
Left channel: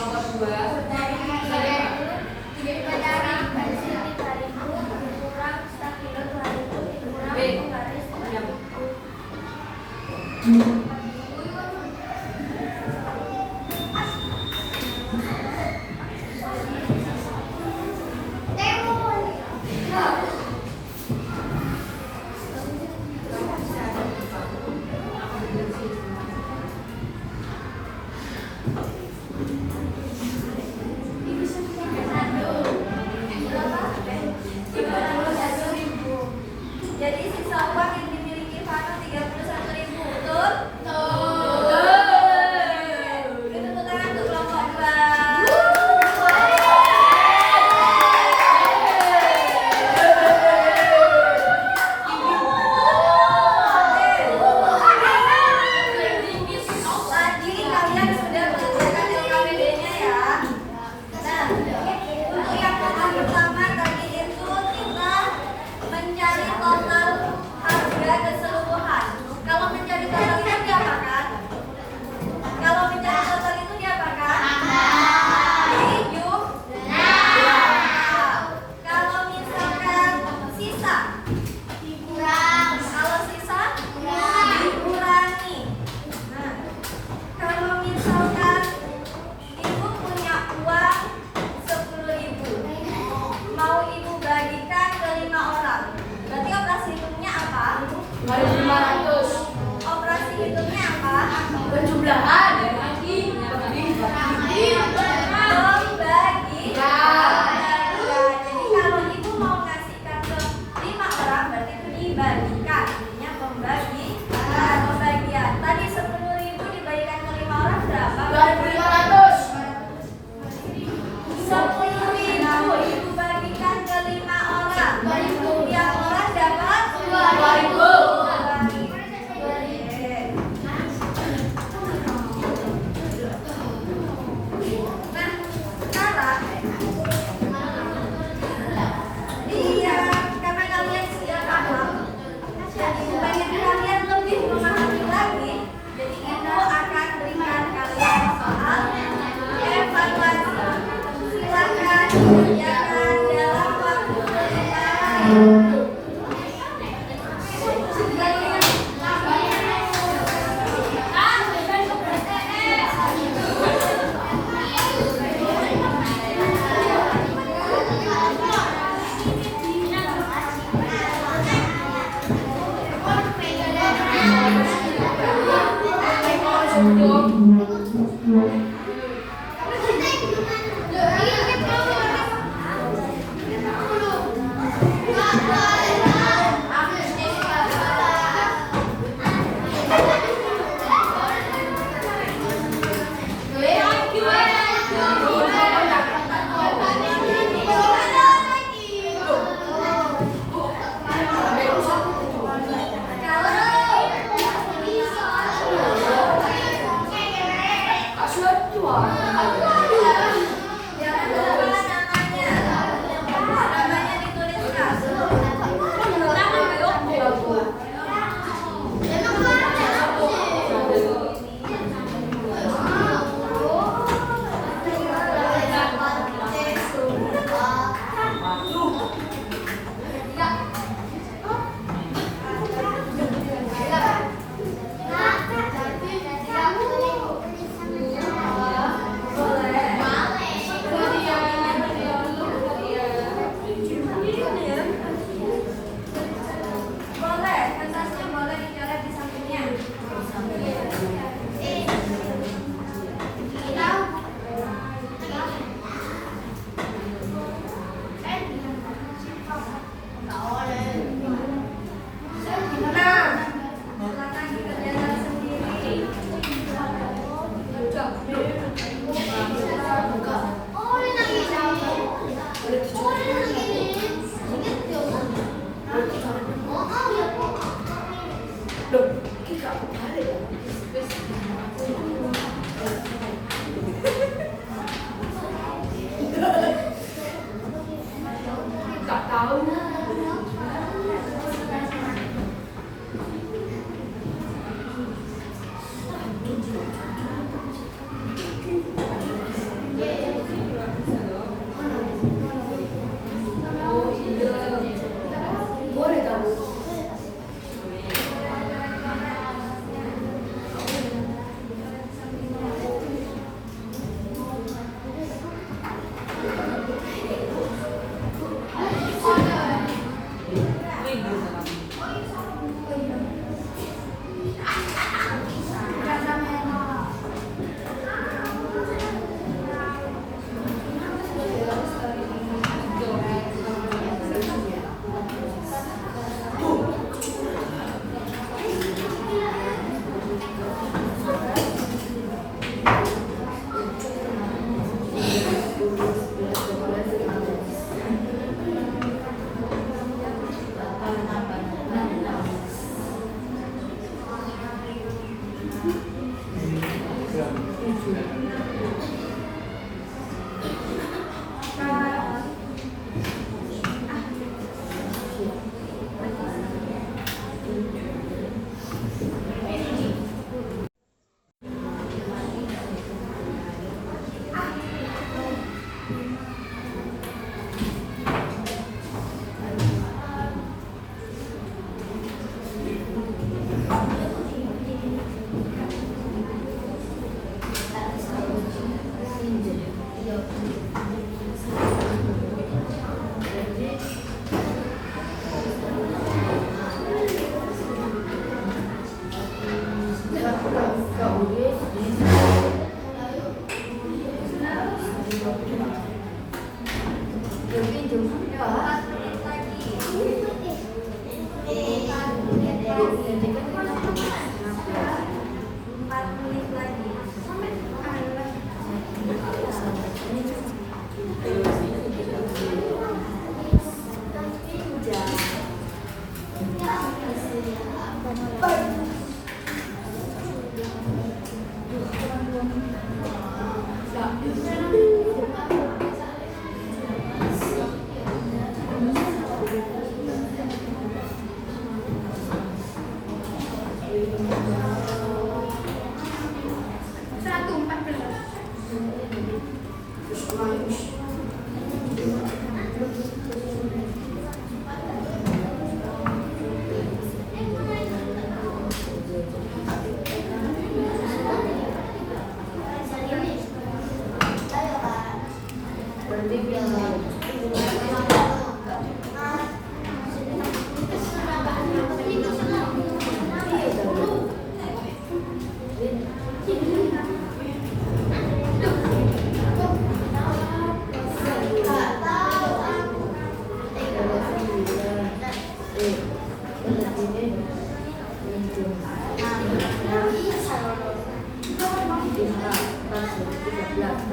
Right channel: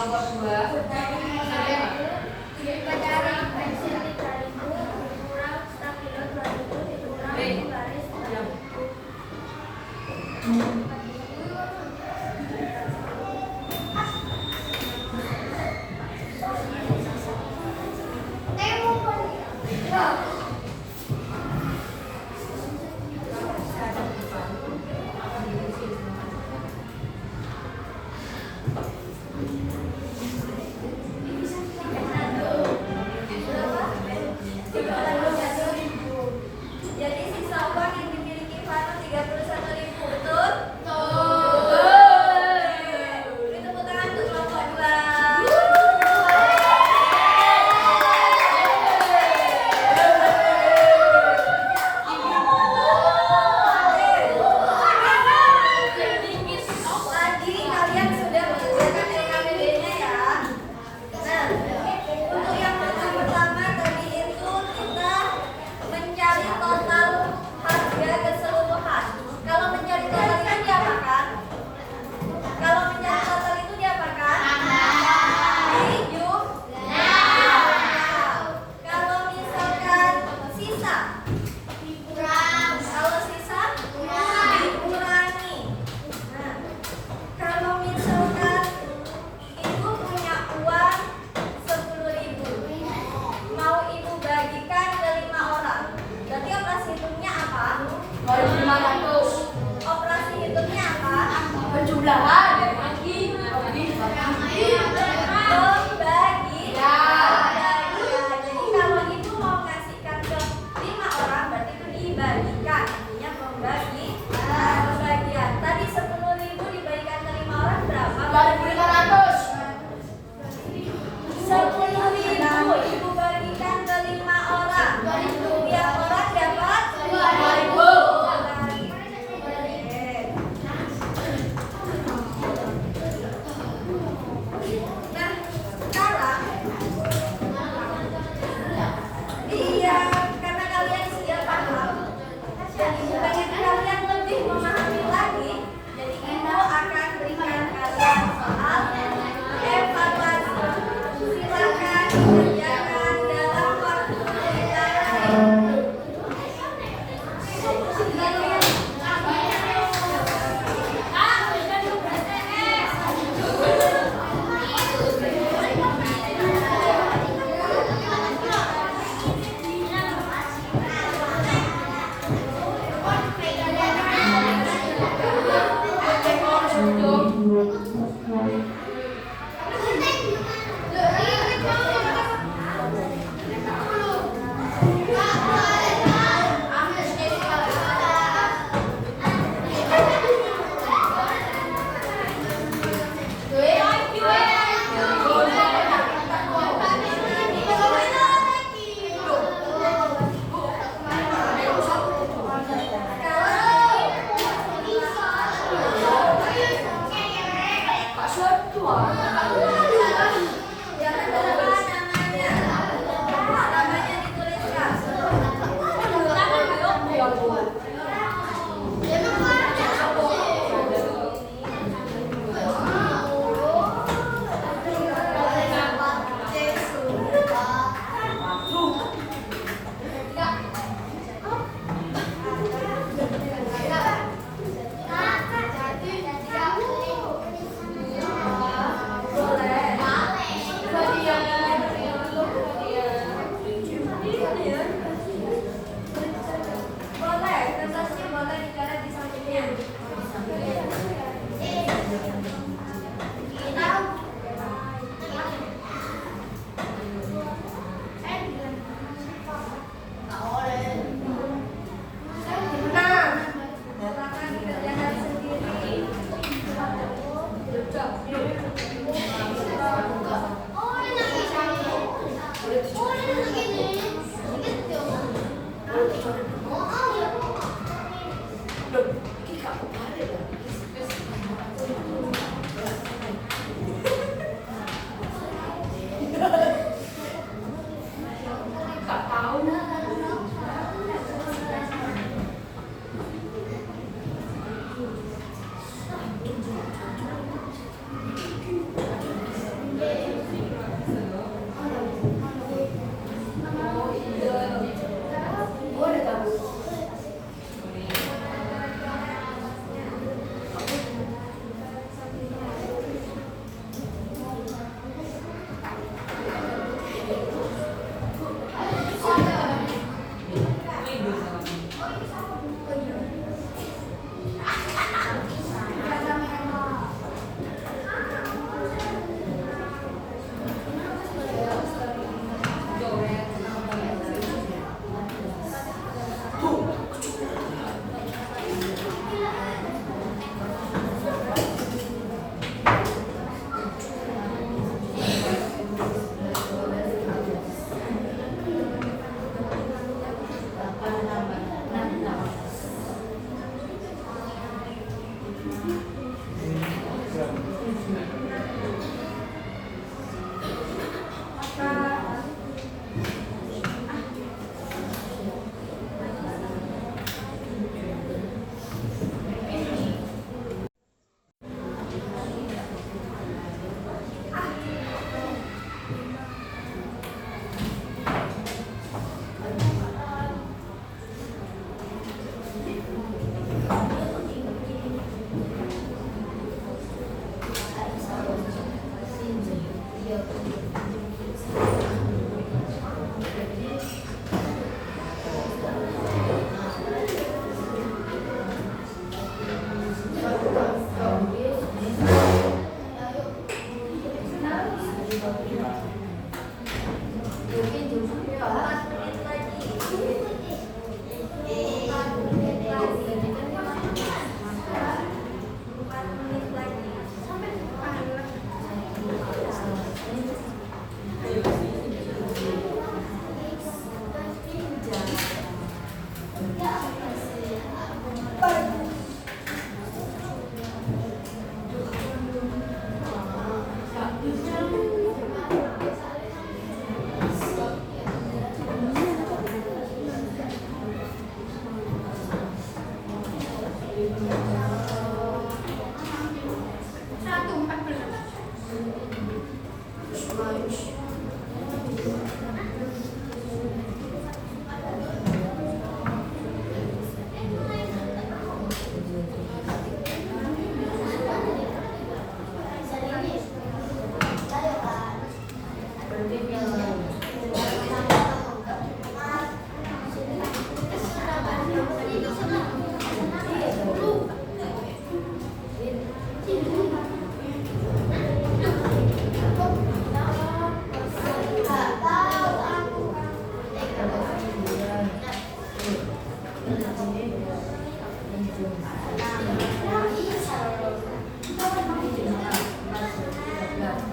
Kelompok 2 Jadi sisa uang yang dimiliki Vano 31.000 betul?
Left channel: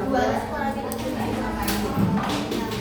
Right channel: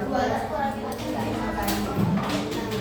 12 kurang 13 apa ini?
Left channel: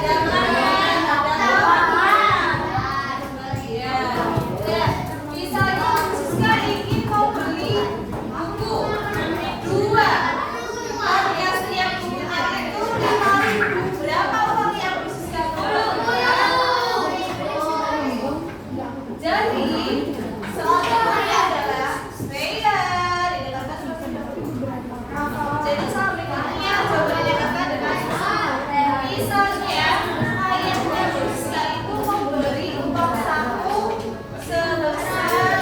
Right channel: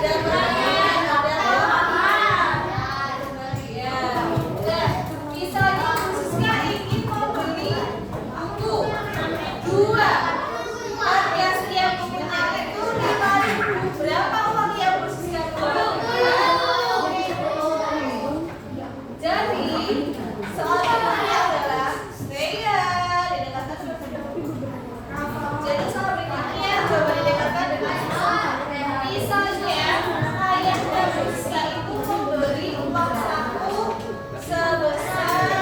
ada pembagian, ada pembagian. Dan misalnya Siska ingin mau beli buku 2, harga setiap bukunya itu 5.000. Berapa uang yang Bu Siska keluarkan? Jadi soal berikutnya adalah jadi soal berikutnya coba didekatkan dengan misalnya ayah dan Siska itu memberi uang saku sebesar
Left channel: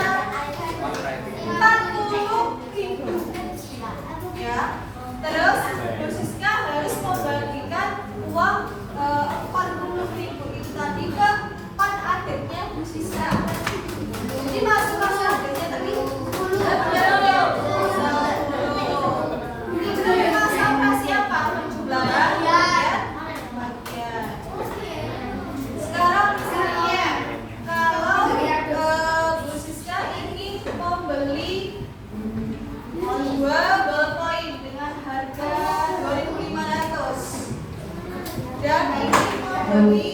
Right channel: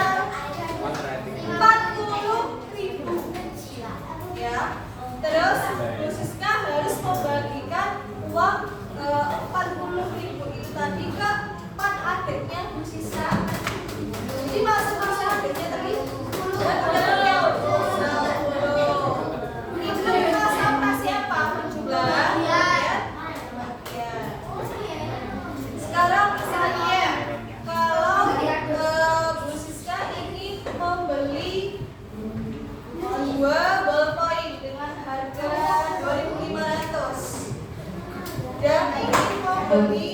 40.000, ya. Terus Bu Siska harus membagikan uang 40.000 itu tadi ke 4 adiknya Bu Siska. Jadi masuk ke adiknya tadi itu memang sama siapa penjumlahan ya. Sekarang misalnya kalau Bu Siska ingin membeli 2 ballpoint dengan harga 2.500 dan ingin membeli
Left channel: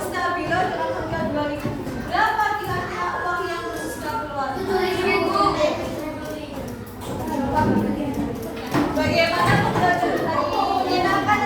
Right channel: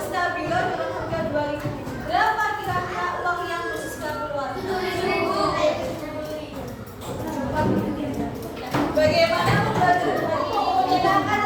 stabilo dengan harga 2.000. Berapa kira-kira uang yang Bu Siska keluarkan? Bagaimana pembelajaran tadi? Menyenangkan